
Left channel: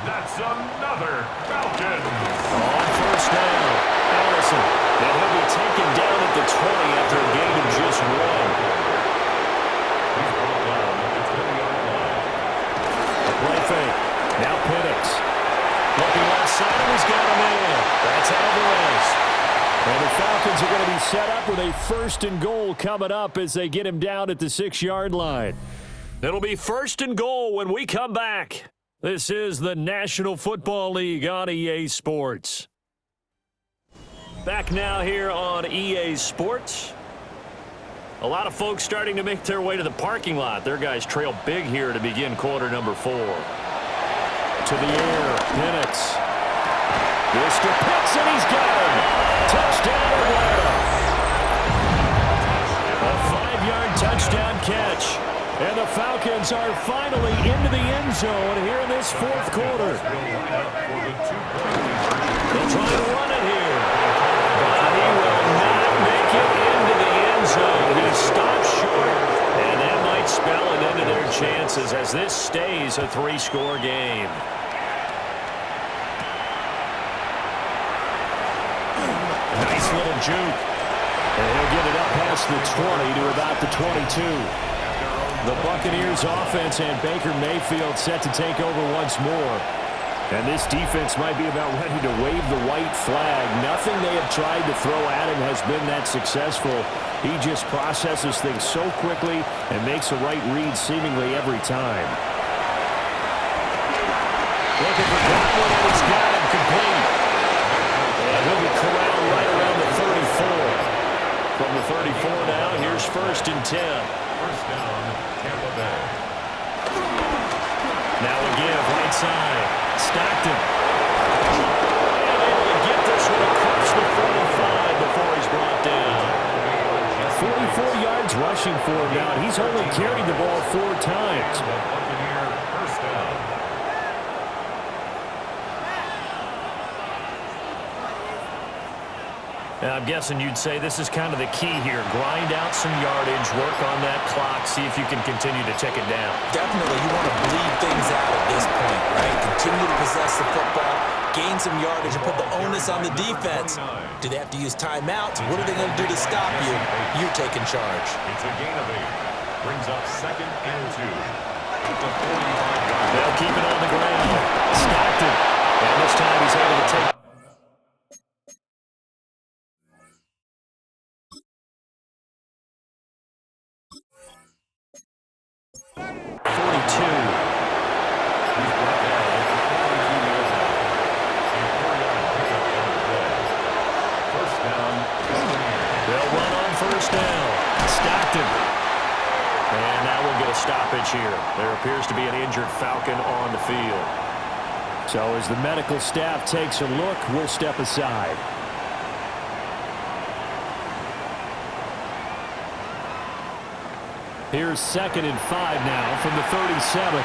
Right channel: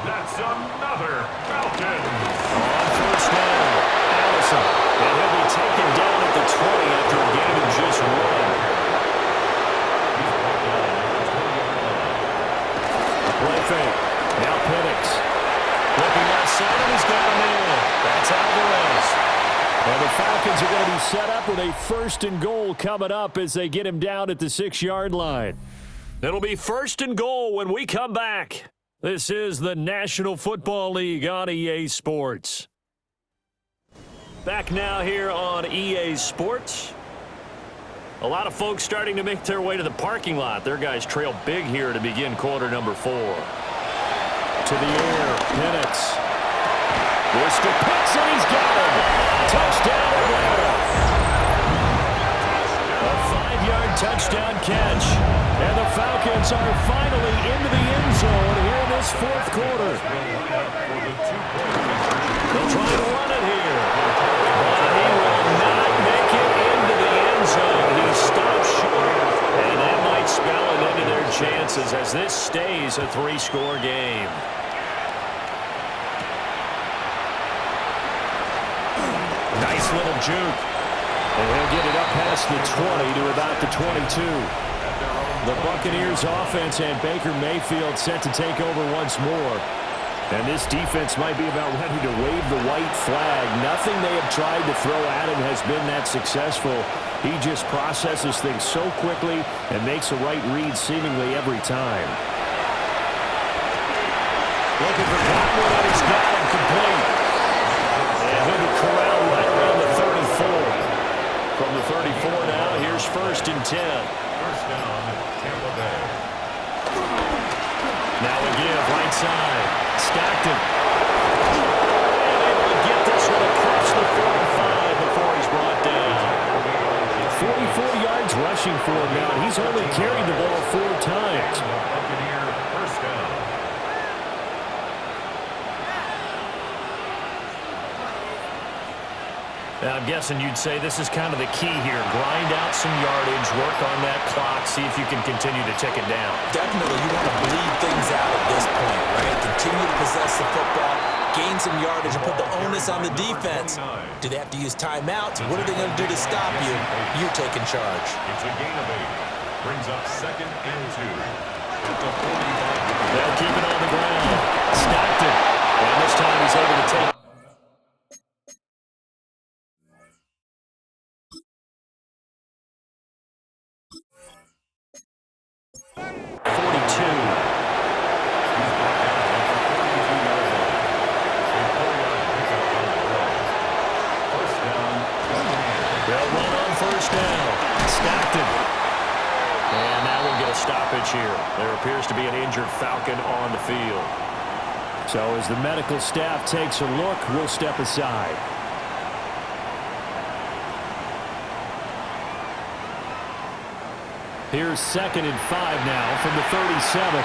That's another Falcons. On first down, Allison. And he'll be taken down at the 20 after a gain of just 1. Play fake. Now Penix. Looking left side, and he's got him in. That's Alvarez. And the Falcons are going to be set up with a 1st and goal coming up as they get him down at the 6-yard line. It'll be 1st and goal when we come back. This is the National Football League on EA Sports. Back now here on EA Sports. A lot of folks starting to make their way to the parking lot. Their guys trail big here to begin quarter number 4. To the air, Penix. Mr. Pitts, and he's got him. Touchdown, Atlanta. A 5-yard touchdown catch. And the Falcons are finally into the end zone here in this 4th quarter. They'll try to run it here. But he will not make it into the end zone. He stops short, and that might spell an end to their chances as this stays a 3-score game. Nice little juke. And he'll get it up past the 20 to about the 22. The Buccaneers offense and Baker Mayfield set to take over once more. And this defense might be about ready to wave the white flag. Nothing they have tried to throw at him has been that successful. He just processes things so quickly and makes a right read seemingly every time. Looking for Godwin, and he's got him complete. And he'll be corralled right around the 34. From the 34 now, here's 1st and 10. First down, Tampa Bay. Now a give, right side. Stockton. And able to get this one across the 45 before he's brought down. 44 yards rushing for him now, and he's only carried the ball 4 times. The Buccaneer first down. Now, I'm guessing you'd say this is kind of the key here. Grind out some yardage, work on that clock, see if you can continue to tick it down. Definitely, you want to bleed things out at this point, right? Continue to possess the football, gain some yardage, and put the onus on the defense. Do they have to use timeouts? What are they going to do to stop you? You're taking charge. It's a gain of 8. Brings up 2nd and 2. At the 45-yard. They'll keep it on the ground. Stockton. And this time he's able to take 42. He's brought down at the 42-yard line. A 4-yard pickup on the play. First down, Buccaneers. They'll run on first down. Stockton. And now we'll get a stoppage here. There appears to be an injured Falcon on the field. So as the medical staff takes a look, we'll step aside. Here's 2nd and 5 now from the 37.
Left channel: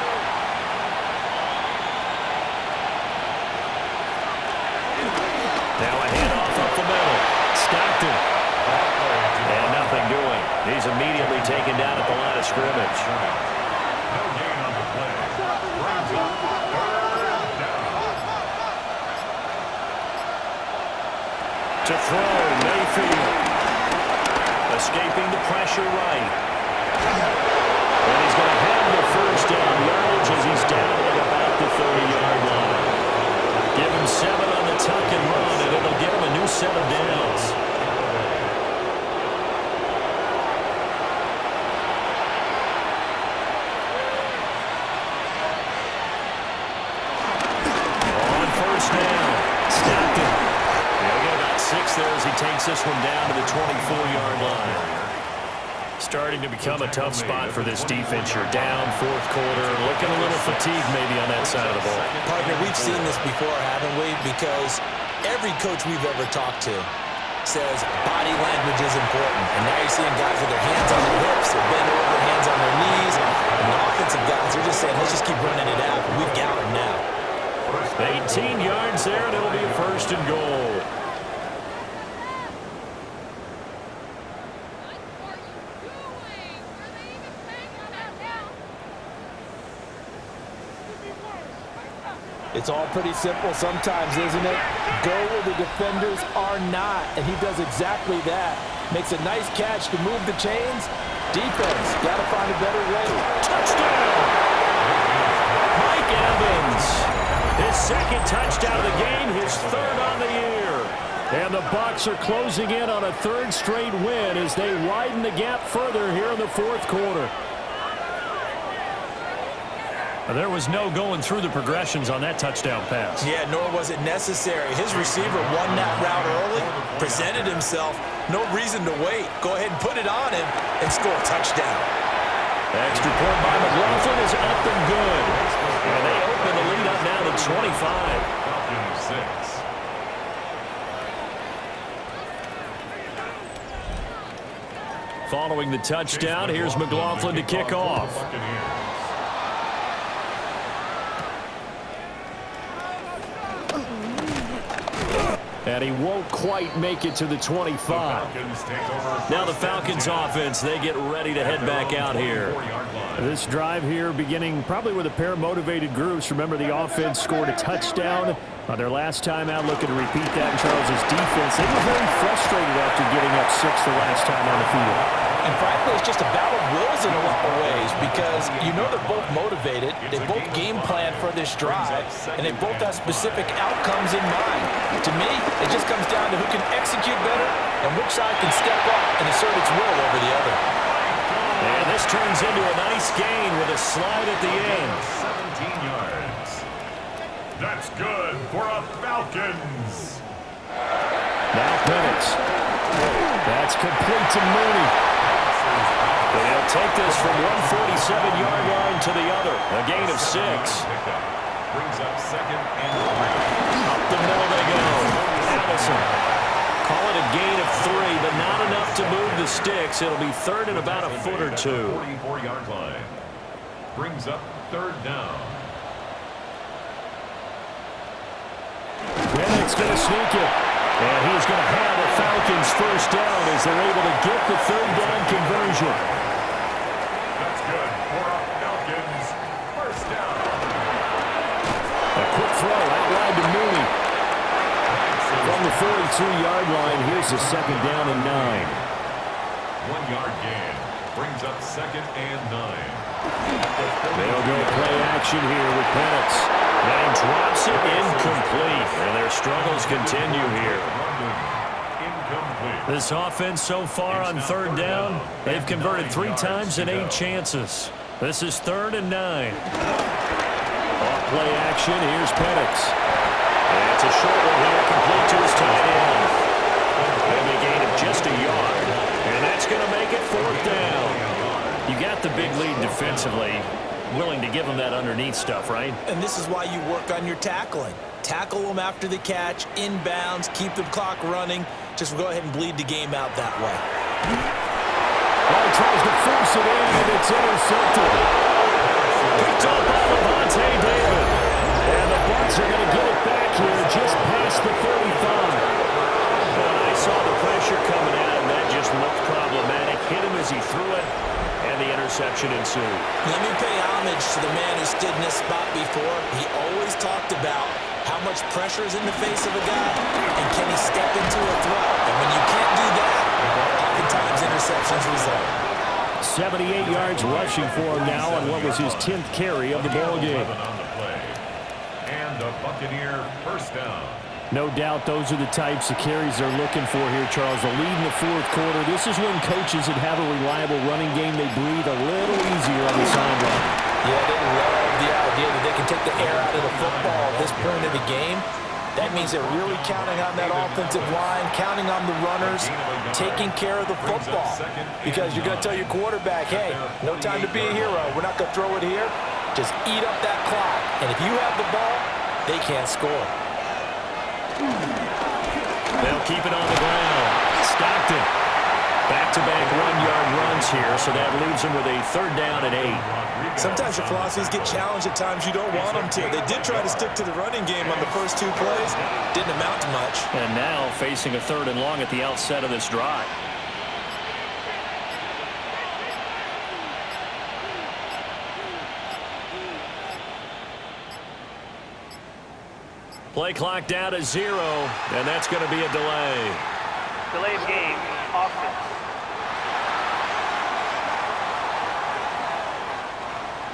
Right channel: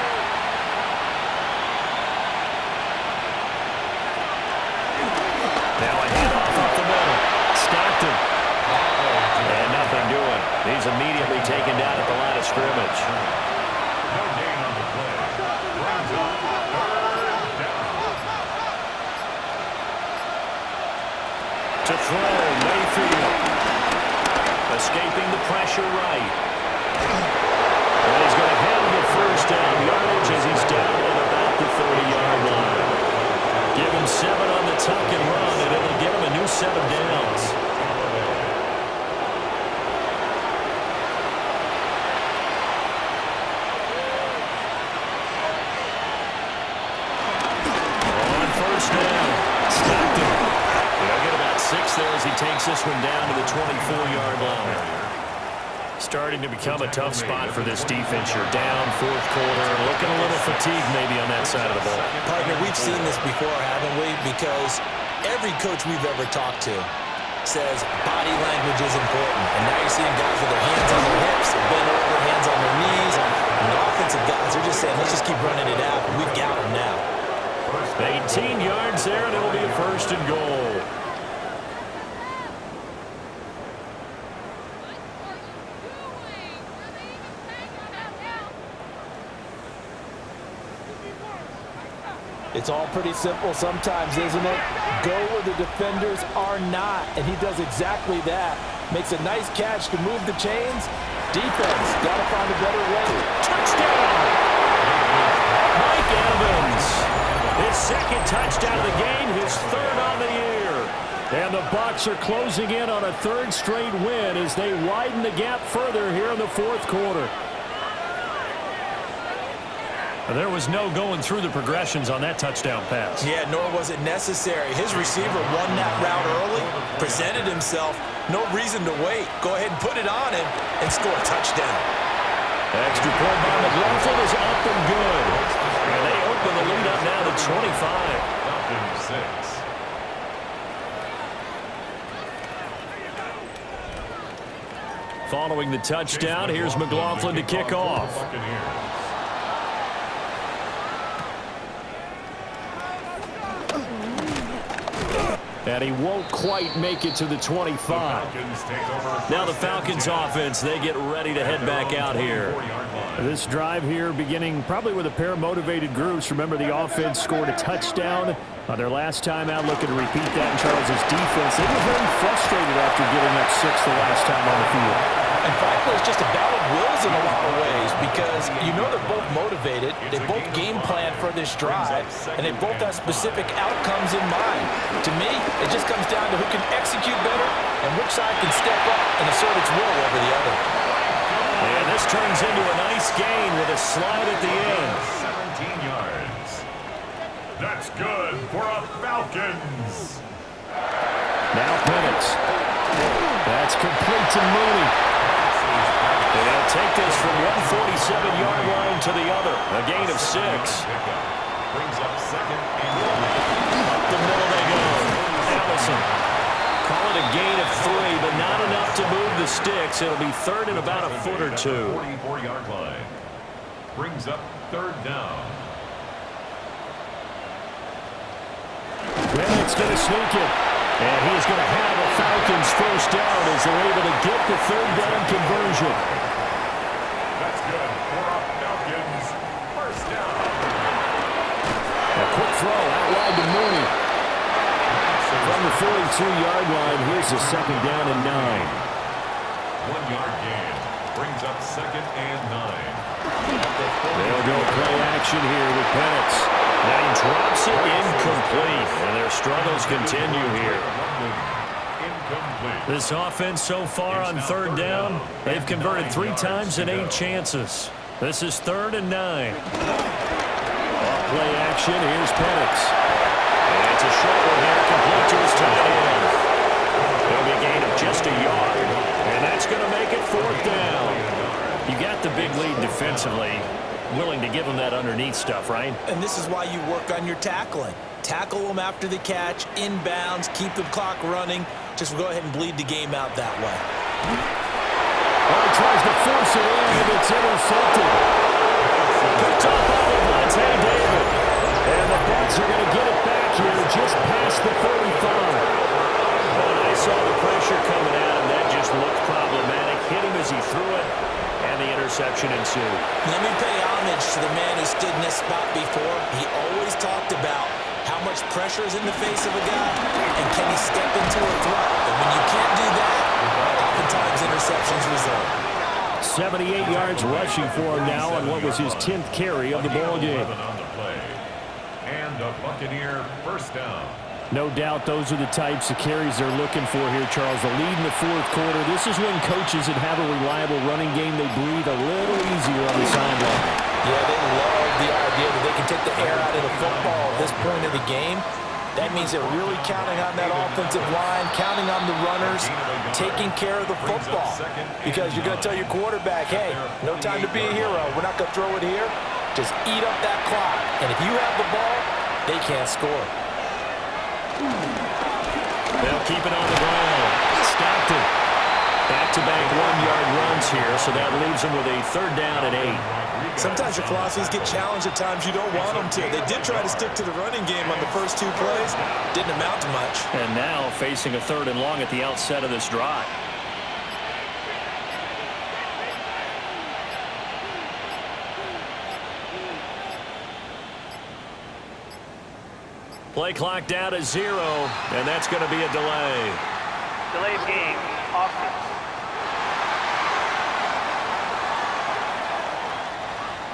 Now a handoff up the middle. Stockton. And nothing doing. He's immediately taken down at the line of scrimmage. No gain on the play. Brings up 3rd down. To throw, Mayfield. Escaping the pressure right. And he's going to have the 1st down yardage as he's down at about the 30-yard line. Give him 7 on the tuck and run, and it'll get him a new set of downs. On 1st down, Stockton. He'll get about 6 there as he takes this one down to the 24-yard line. Starting to become a tough spot for this defense. You're down 4th quarter, looking a little fatigued maybe on that side of the ball. Partner, we've seen this before, haven't we? Because every coach we've ever talked to says body language is important. And now you're seeing guys with their hands on their hips, they're bent over, hands on their knees. And the offensive guys are just saying, let's just keep running it out. We've got them now. 18 yards there, and it'll be a 1st and goal. It's all pretty simple sometimes, isn't it? Go where the defenders are not, and he does exactly that. Makes a nice catch to move the chains. Defense, got to find a better way. Touchdown! Mike Evans. His 2nd touchdown of the game, his 3rd on the year. And the Bucs are closing in on a 3rd straight win as they widen the gap further here in the 4th quarter. There was no going through the progressions on that touchdown pass. Yeah, nor was it necessary. His receiver won that route early, presented himself. No reason to wait. Go ahead and put it on him and score a touchdown. Extra point by McLaughlin is up and good. And they open the lead up now to 25. Falcons 6. Following the touchdown, here's McLaughlin to kick off. And he won't quite make it to the 25. Now the Falcons offense, they get ready to head back out here. This drive here beginning probably with a pair of motivated groups. Remember, the offense scored a touchdown on their last time out, looking to repeat that in Charles's defense. They were very frustrated after giving up 6 the last time on the field. And frankly, it's just a battle of wills in a lot of ways because you know they're both motivated, they both game plan for this drive, and they both have specific outcomes in mind. To me, it just comes down to who can execute better and which side can step up and assert its will over the other. And this turns into a nice gain with a slide at the end. 17 yards. That's good for a Falcons. Now Penix. That's complete to Mooney. And he'll take this from 147-yard line to the other. A gain of 6. Brings up 2nd and 3. Up the middle they go. Allison. Call it a gain of 3, but not enough to move the sticks. It'll be 3rd and about a foot or 2. 44-yard line. Brings up 3rd down. Penix going to sneak it. And he's going to have a Falcons 1st down as they're able to get the 3rd down conversion. That's good for a Falcons 1st down. A quick throw out wide to Mooney. From the 42-yard line, here's the 2nd down and 9. 1-yard gain. Brings up 2nd and 9. They'll go play action here with Penix. And he drops it incomplete. And their struggles continue here. Incomplete. This offense so far on 3rd down, they've converted 3 times and 8 chances. This is 3rd and 9. Off play action, here's Penix. And it's a short one here, complete to his tight end. It'll be a gain of just a yard. And that's going to make it 4th down. You got the big lead defensively, willing to give them that underneath stuff, right? And this is why you work on your tackling. Tackle them after the catch, inbounds, keep the clock running. Just go ahead and bleed the game out that way. Well, he tries to force it in, and it's intercepted. Picked up by Levante David. And the Bucs are going to get it back here just past the 35. When I saw the pressure coming at him, that just looked problematic. Hit him as he threw it, and the interception ensued. Let me pay homage to the man who stood in this spot before. He always talked about how much pressure is in the face of a guy, and can he step into a throw? And when you can't do that, oftentimes interceptions result. 78 yards rushing for him now on what was his 10th carry of the ball game. On the play. And a Buccaneer first down. No doubt those are the types of carries they're looking for here, Charles. The lead in the fourth quarter. This is when coaches that have a reliable running game, they breathe a little easier on the sideline. Yeah, they love the idea that they can take the air out of the football at this point of the game. That means they're really counting on that offensive line, counting on the runners, taking care of the football. Because you're going to tell your quarterback, hey, no time to be a hero. We're not going to throw it here. Just eat up that clock. And if you have the ball, they can't score. They'll keep it on the ground. Stockton. Back-to-back one-yard runs here, so that leaves them with a third down and 8. Sometimes your philosophies get challenged at times you don't want them to. They did try to stick to the running game on the first 2 plays. Didn't amount to much. And now facing a third and long at the outset of this drive. Play clock down to 0, and that's going to be a delay. Delay of game, offense.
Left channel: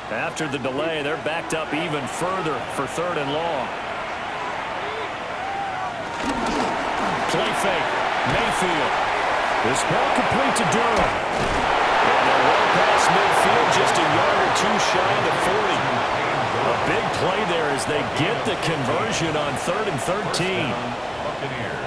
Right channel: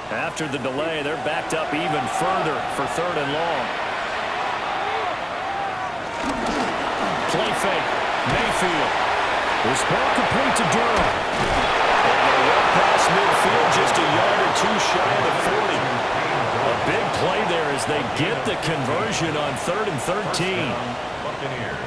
After the delay, they're backed up even further for third and long. Play fake. Mayfield. This ball complete to Durham. And they're well past midfield, just a yard or 2 shy of the 40. A big play there as they get the conversion on 3rd and 13. Buccaneers.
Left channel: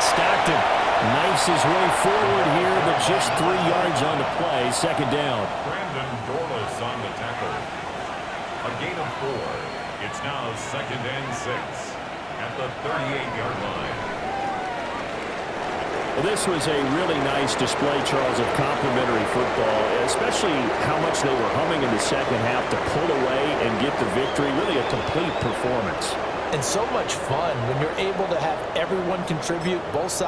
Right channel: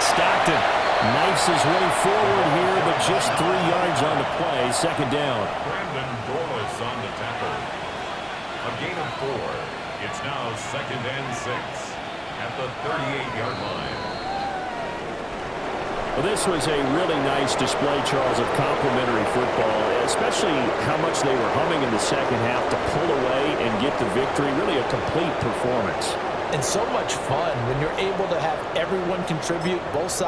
Stockton knifes his way forward here, but just 3 yards on the play. Second down. Brandon Dorlus on the tackle. A gain of 4. It's now 2nd and 6 at the 38-yard line. Well, this was a really nice display, Charles, of complimentary football, especially how much they were humming in the second half to pull away and get the victory. Really a complete performance. And so much fun when you're able to have everyone contribute, both sides.